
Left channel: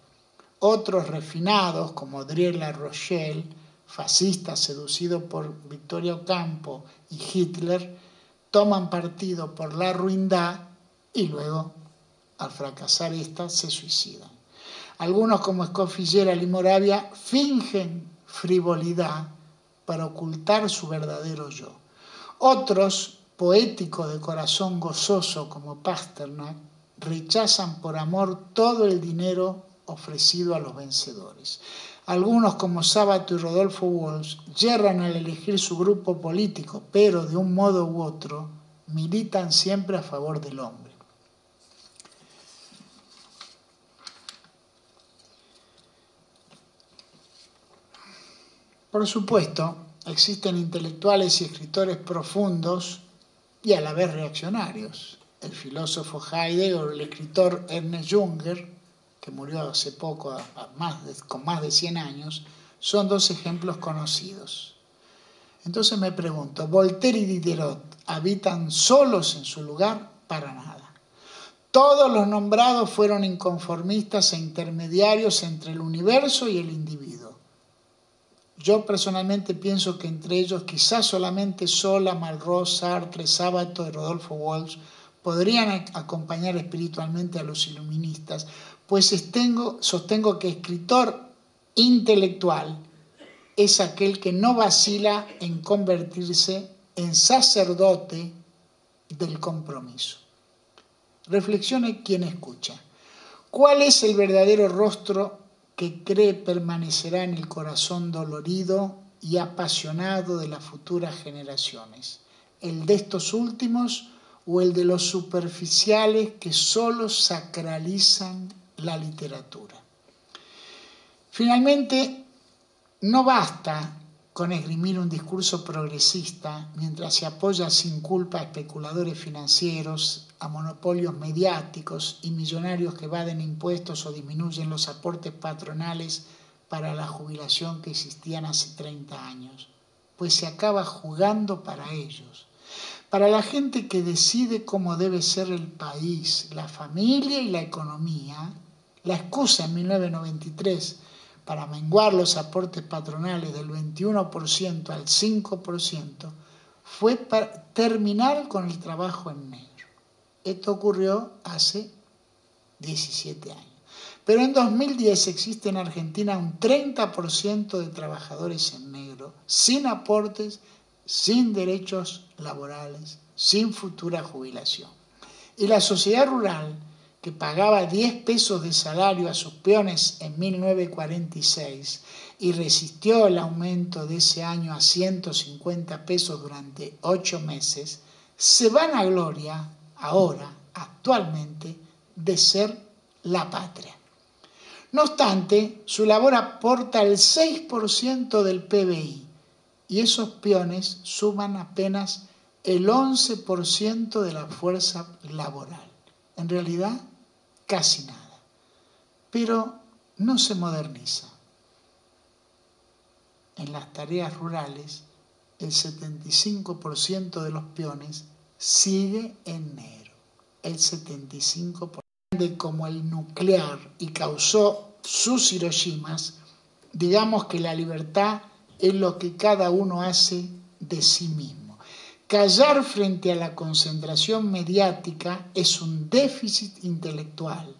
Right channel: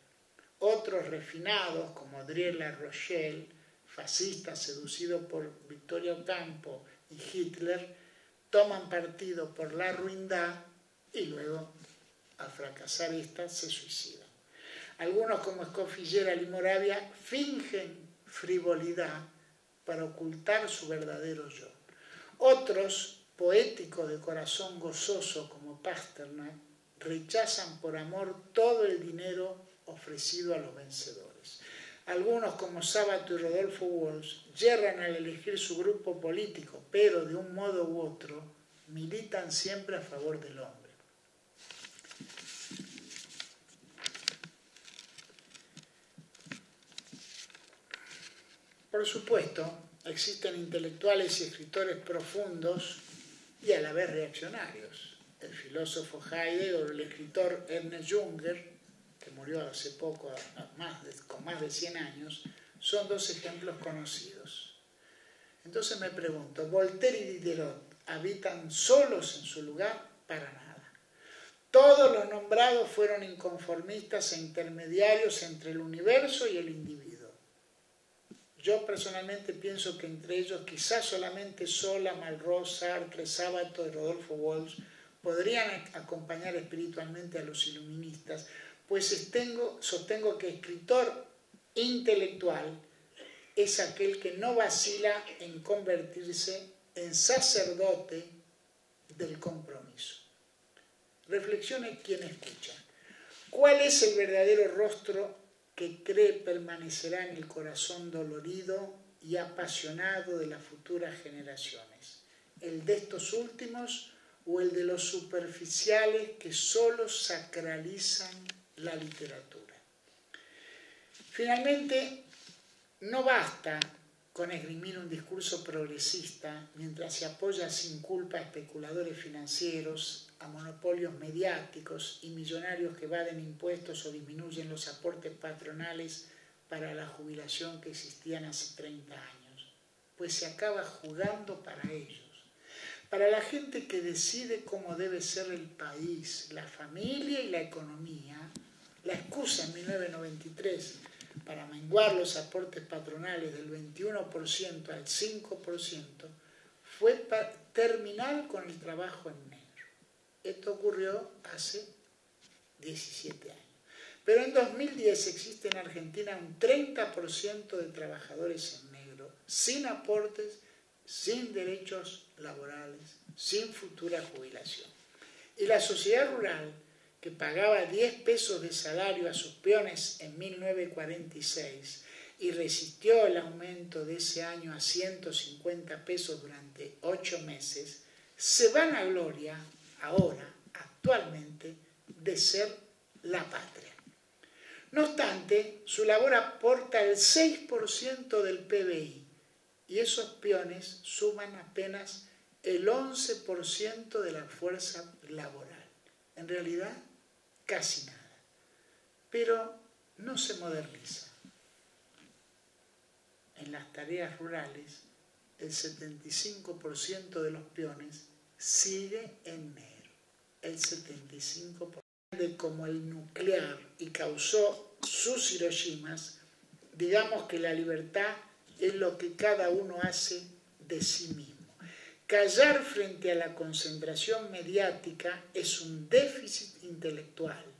Otros refinados, como Adrien La Rochelle, fascista seducido por Victoria Ocampo y Hitler, toman partido por la ruindad y luego, al fracasar esta, se suicidan. Algunos, como Scofield y Moravia, fingen frivolidad para ocultar su verdadero yo. Otros, poéticos de corazón gozoso como Pasternak, rechazan por amor todo el dinero ofrecido a los vencedores. Algunos, como Sábato y Rodolfo Walsh, yerran al elegir su grupo político, pero de un modo u otro militan siempre a favor del hombre. Por supuesto, existen intelectuales y escritores profundos y a la vez reaccionarios. El filósofo Heidegger o el escritor Ernest Junger, que murió hace poco con más de 100 años, son dos ejemplos conocidos. Entonces me pregunto, ¿Voltaire y Diderot habitan solos en su lugar? Para nada. Todos los nombrados fueron inconformistas e intermediarios entre el universo y el individuo. Yo personalmente pienso que entre ellos quizás solamente Zola, Malraux, Sartre, Sábato y Rodolfo Walsh podrían acompañar espiritualmente a los iluministas, pues sostengo que escritor intelectual es aquel que no vacila en convertirse en sacerdote del compromiso. Reflexione quien escucha. ¿Cuál es el verdadero rostro que cree permanecerá en el corazón dolorido y apasionado de las futuras generaciones? ¿El de estos últimos o el de los superficiales que solo sacralizan la literatura? Finalmente, no basta con esgrimir un discurso progresista mientras se apoya sin culpa a especuladores financieros, a monopolios mediáticos y millonarios que evaden impuestos o disminuyen los aportes patronales para la jubilación que existían hace 30 años, pues se acaba jugando para ellos. Para la gente que decide cómo debe ser el país, la familia y la economía, la excusa en 1993 para menguar los aportes patronales del 21% al 5% fue para terminar con el trabajo en negro. Esto ocurrió hace 17 años. Pero en 2010 existe en Argentina un 30% de trabajadores en negro, sin aportes, sin derechos laborales, sin futura jubilación. Y la sociedad rural, que pagaba 10 pesos de salario a sus peones en 1946 y resistió el aumento de ese año a 150 pesos durante 8 meses, se vanagloria ahora, actualmente, de ser la patria. No obstante, su labor aporta el 6% del PBI y esos peones suman apenas el 11% de la fuerza laboral. En realidad, casi nada. Pero no se moderniza. En las tareas rurales, el 75% de los peones sigue en negro, el 75%. Como el nuclear y causó sus Hiroshimas, digamos que la libertad es lo que cada uno hace de sí mismo. Callar frente a la concentración mediática es un déficit intelectual,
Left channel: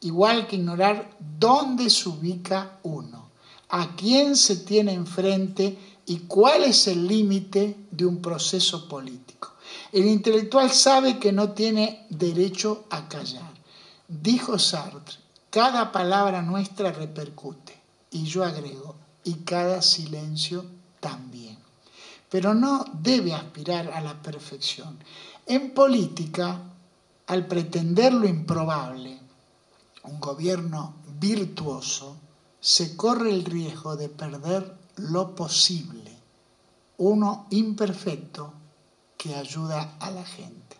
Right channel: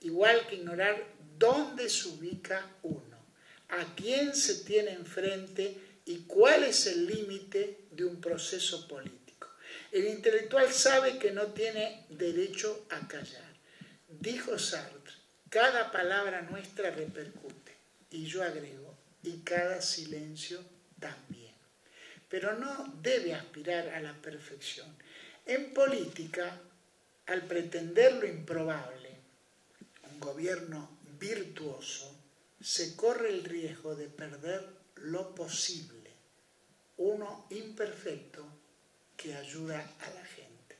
igual que ignorar dónde se ubica uno, a quién se tiene enfrente y cuál es el límite de un proceso político. El intelectual sabe que no tiene derecho a callar. Dijo Sartre, cada palabra nuestra repercute, y yo agrego, y cada silencio también. Pero no debe aspirar a la perfección. En política, al pretender lo improbable, un gobierno virtuoso, se corre el riesgo de perder lo posible, uno imperfecto que ayuda a la gente.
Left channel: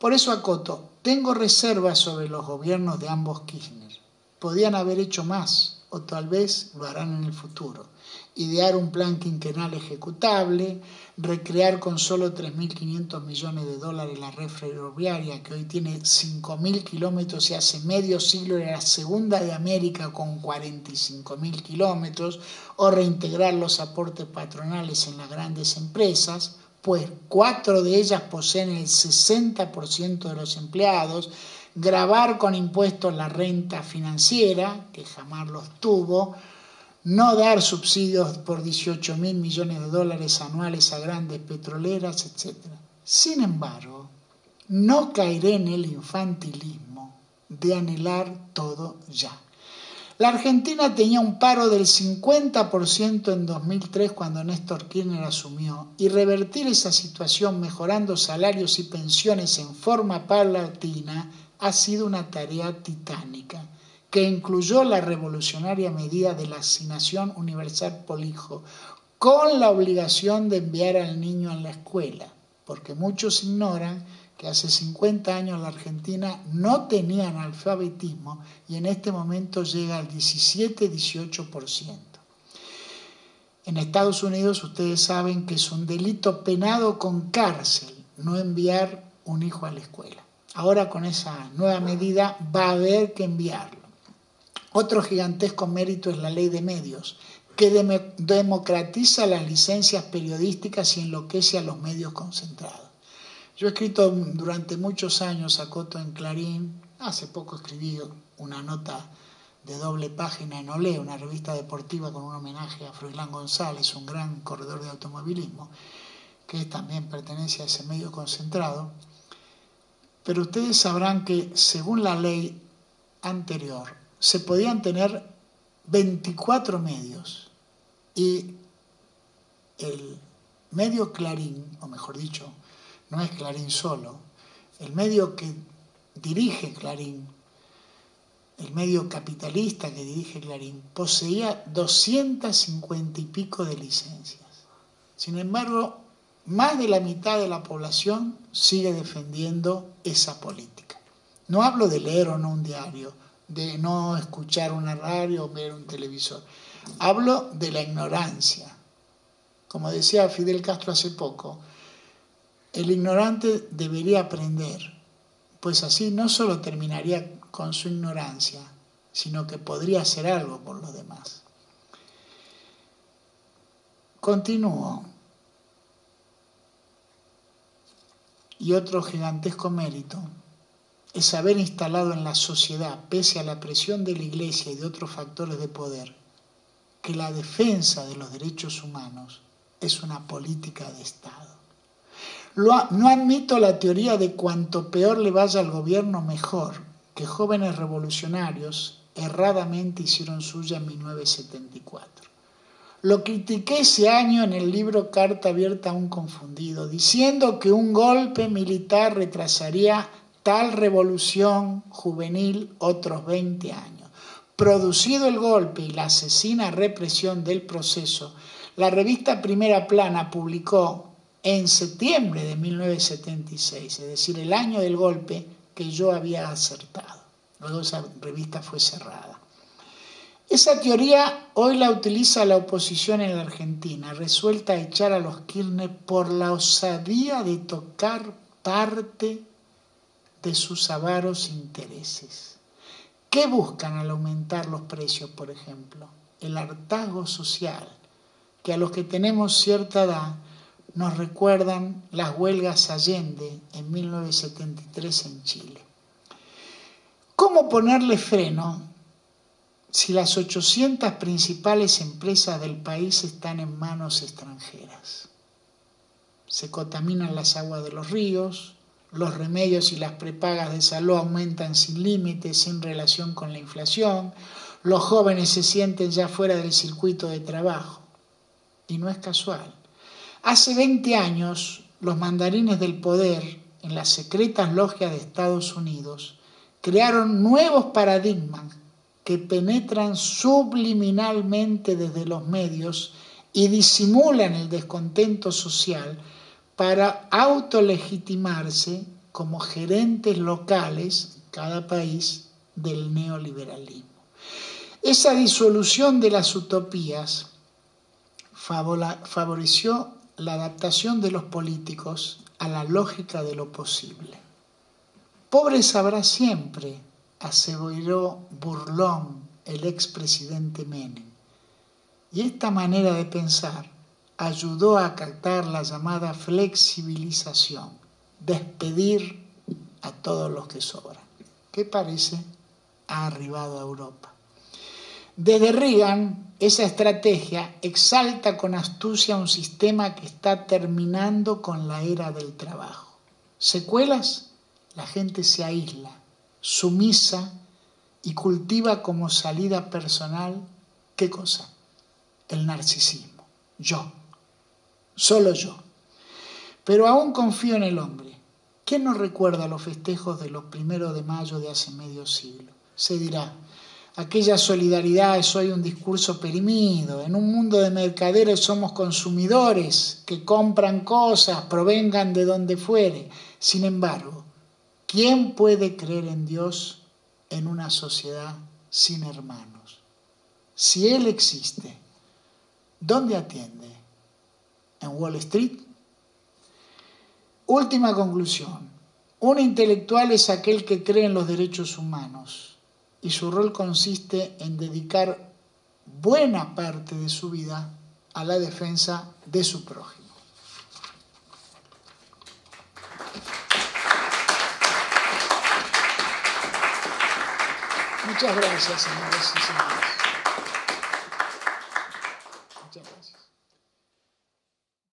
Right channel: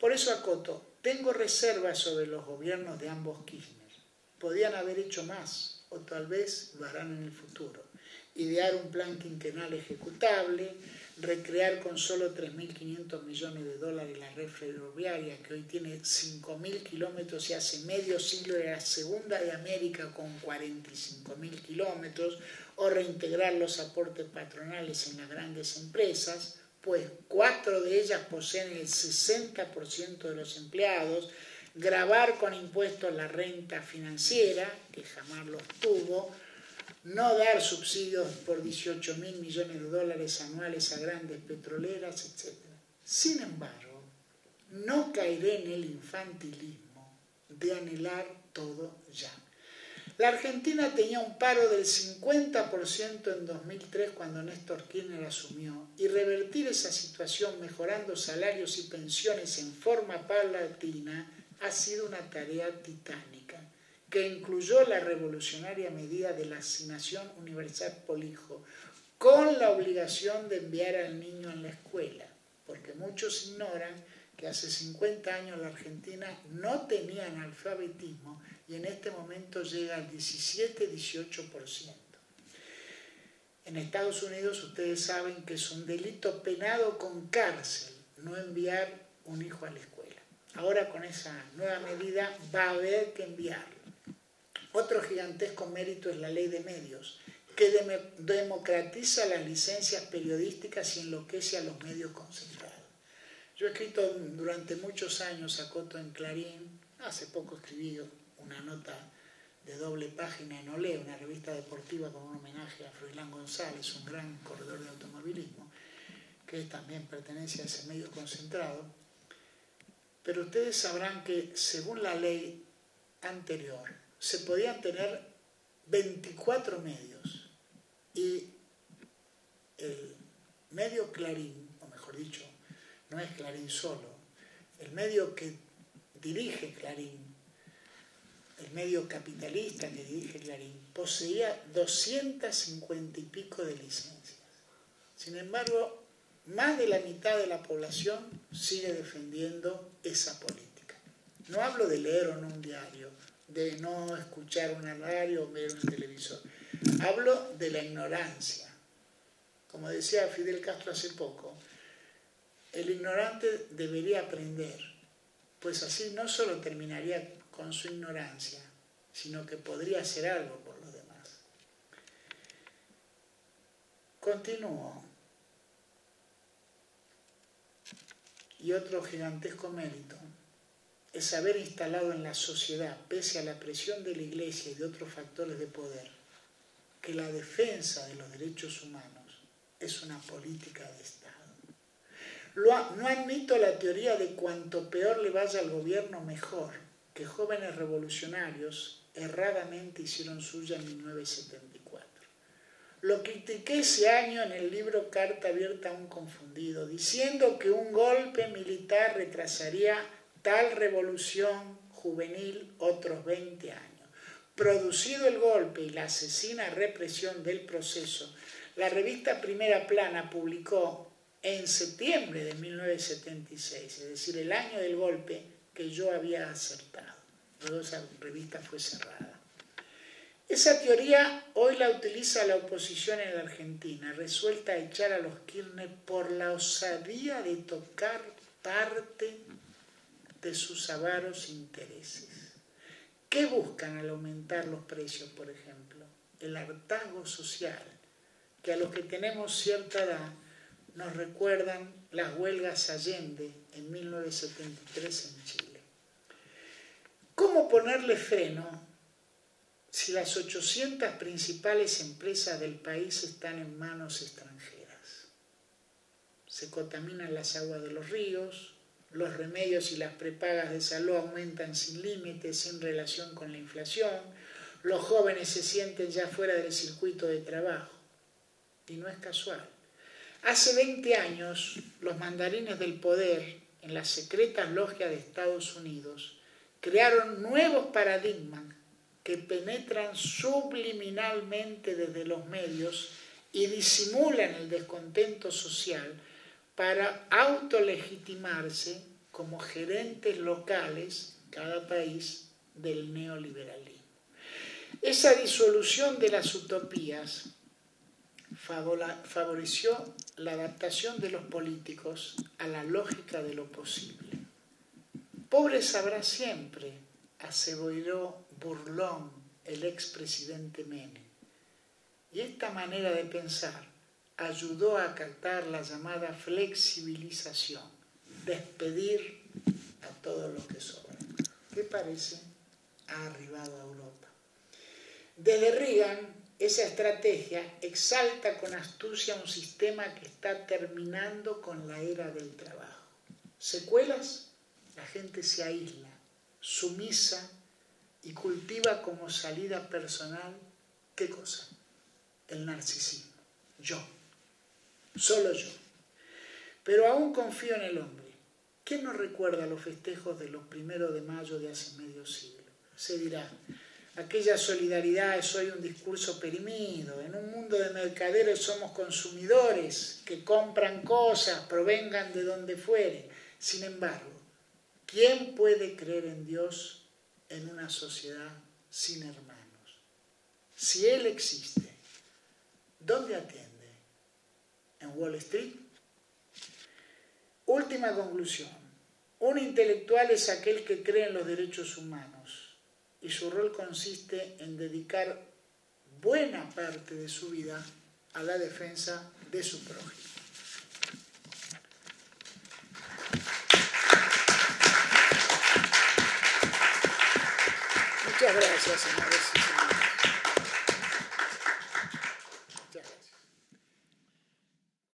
Por eso acoto, tengo reservas sobre los gobiernos de ambos Kirchner. Podían haber hecho más, o tal vez lo harán en el futuro. Idear un plan quinquenal ejecutable, recrear con solo 3.500 millones de dólares la red ferroviaria, que hoy tiene 5.000 kilómetros y hace medio siglo era la segunda de América con 45.000 kilómetros, o reintegrar los aportes patronales en las grandes empresas, pues 4 de ellas poseen el 60% de los empleados, gravar con impuestos la renta financiera, que jamás los tuvo, no dar subsidios por 18.000 millones de dólares anuales a grandes petroleras, etc. Sin embargo, no caeré en el infantilismo de anhelar todo ya. La Argentina tenía un paro del 50% en 2003 cuando Néstor Kirchner asumió, y revertir esa situación mejorando salarios y pensiones en forma paulatina ha sido una tarea titánica, que incluyó la revolucionaria medida de la asignación universal por hijo, con la obligación de enviar al niño a la escuela, porque muchos ignoran que hace 50 años la Argentina no tenía analfabetismo y en este momento llega al 17-18%. En Estados Unidos ustedes saben que es un delito penado con cárcel no enviar un hijo a la escuela. Ahora con esa nueva medida va a haber que enviarlo. Otro gigantesco mérito es la ley de medios, que democratiza las licencias periodísticas y enloquece a los medios concentrados. Yo he escrito durante muchos años, acoto en Clarín, hace poco escribí una nota de doble página en Olé, una revista deportiva con un homenaje a Froilán González, un gran corredor de automovilismo, que también pertenece a ese medio concentrado. Pero ustedes sabrán que según la ley anterior se podían tener 24 medios y el medio Clarín, o mejor dicho, no es Clarín solo, el medio que dirige Clarín, el medio capitalista que dirige Clarín, poseía 250 y pico de licencias. Sin embargo, más de la mitad de la población sigue defendiendo esa política. No hablo de leer o no un diario, de no escuchar una radio o ver un televisor. Hablo de la ignorancia. Como decía Fidel Castro hace poco, el ignorante debería aprender, pues así no solo terminaría con su ignorancia, sino que podría hacer algo por los demás. Continúo. Y otro gigantesco mérito es haber instalado en la sociedad, pese a la presión de la Iglesia y de otros factores de poder, que la defensa de los derechos humanos es una política de Estado. No admito la teoría de cuanto peor le vaya al gobierno, mejor, que jóvenes revolucionarios erradamente hicieron suya en 1974. Lo critiqué ese año en el libro Carta abierta a un confundido, diciendo que un golpe militar retrasaría tal revolución juvenil otros 20 años. Producido el golpe y la asesina represión del proceso, la revista Primera Plana publicó en septiembre de 1976, es decir, el año del golpe, que yo había acertado. Luego esa revista fue cerrada. Esa teoría hoy la utiliza la oposición en la Argentina, resuelta a echar a los Kirchner por la osadía de tocar parte de sus avaros intereses. ¿Qué buscan al aumentar los precios, por ejemplo? El hartazgo social, que a los que tenemos cierta edad nos recuerdan las huelgas Allende en 1973 en Chile. ¿Cómo ponerle freno si las 800 principales empresas del país están en manos extranjeras? Se contaminan las aguas de los ríos, los remedios y las prepagas de salud aumentan sin límites, sin relación con la inflación, los jóvenes se sienten ya fuera del circuito de trabajo. Y no es casual. Hace 20 años, los mandarines del poder, en las secretas logias de Estados Unidos, crearon nuevos paradigmas que penetran subliminalmente desde los medios y disimulan el descontento social para autolegitimarse como gerentes locales, en cada país, del neoliberalismo. Esa disolución de las utopías favoreció la adaptación de los políticos a la lógica de lo posible. Pobres habrá siempre, aseveró burlón el expresidente Menem. Y esta manera de pensar ayudó a captar la llamada flexibilización, despedir a todos los que sobran, que parece ha arribado a Europa. Desde Reagan, esa estrategia exalta con astucia un sistema que está terminando con la era del trabajo. ¿Secuelas? La gente se aísla, sumisa y cultiva como salida personal, ¿qué cosa? El narcisismo. Yo. Solo yo. Pero aún confío en el hombre. ¿Quién nos recuerda los festejos de los 1 de mayo de hace medio siglo? Se dirá, aquella solidaridad es hoy un discurso perimido. En un mundo de mercaderes somos consumidores que compran cosas, provengan de donde fuere. Sin embargo, ¿quién puede creer en Dios en una sociedad sin hermanos? Si Él existe, ¿dónde atiende? ¿En Wall Street? Última conclusión. Un intelectual es aquel que cree en los derechos humanos y su rol consiste en dedicar buena parte de su vida a la defensa de su prójimo. Muchas gracias, señores y señores.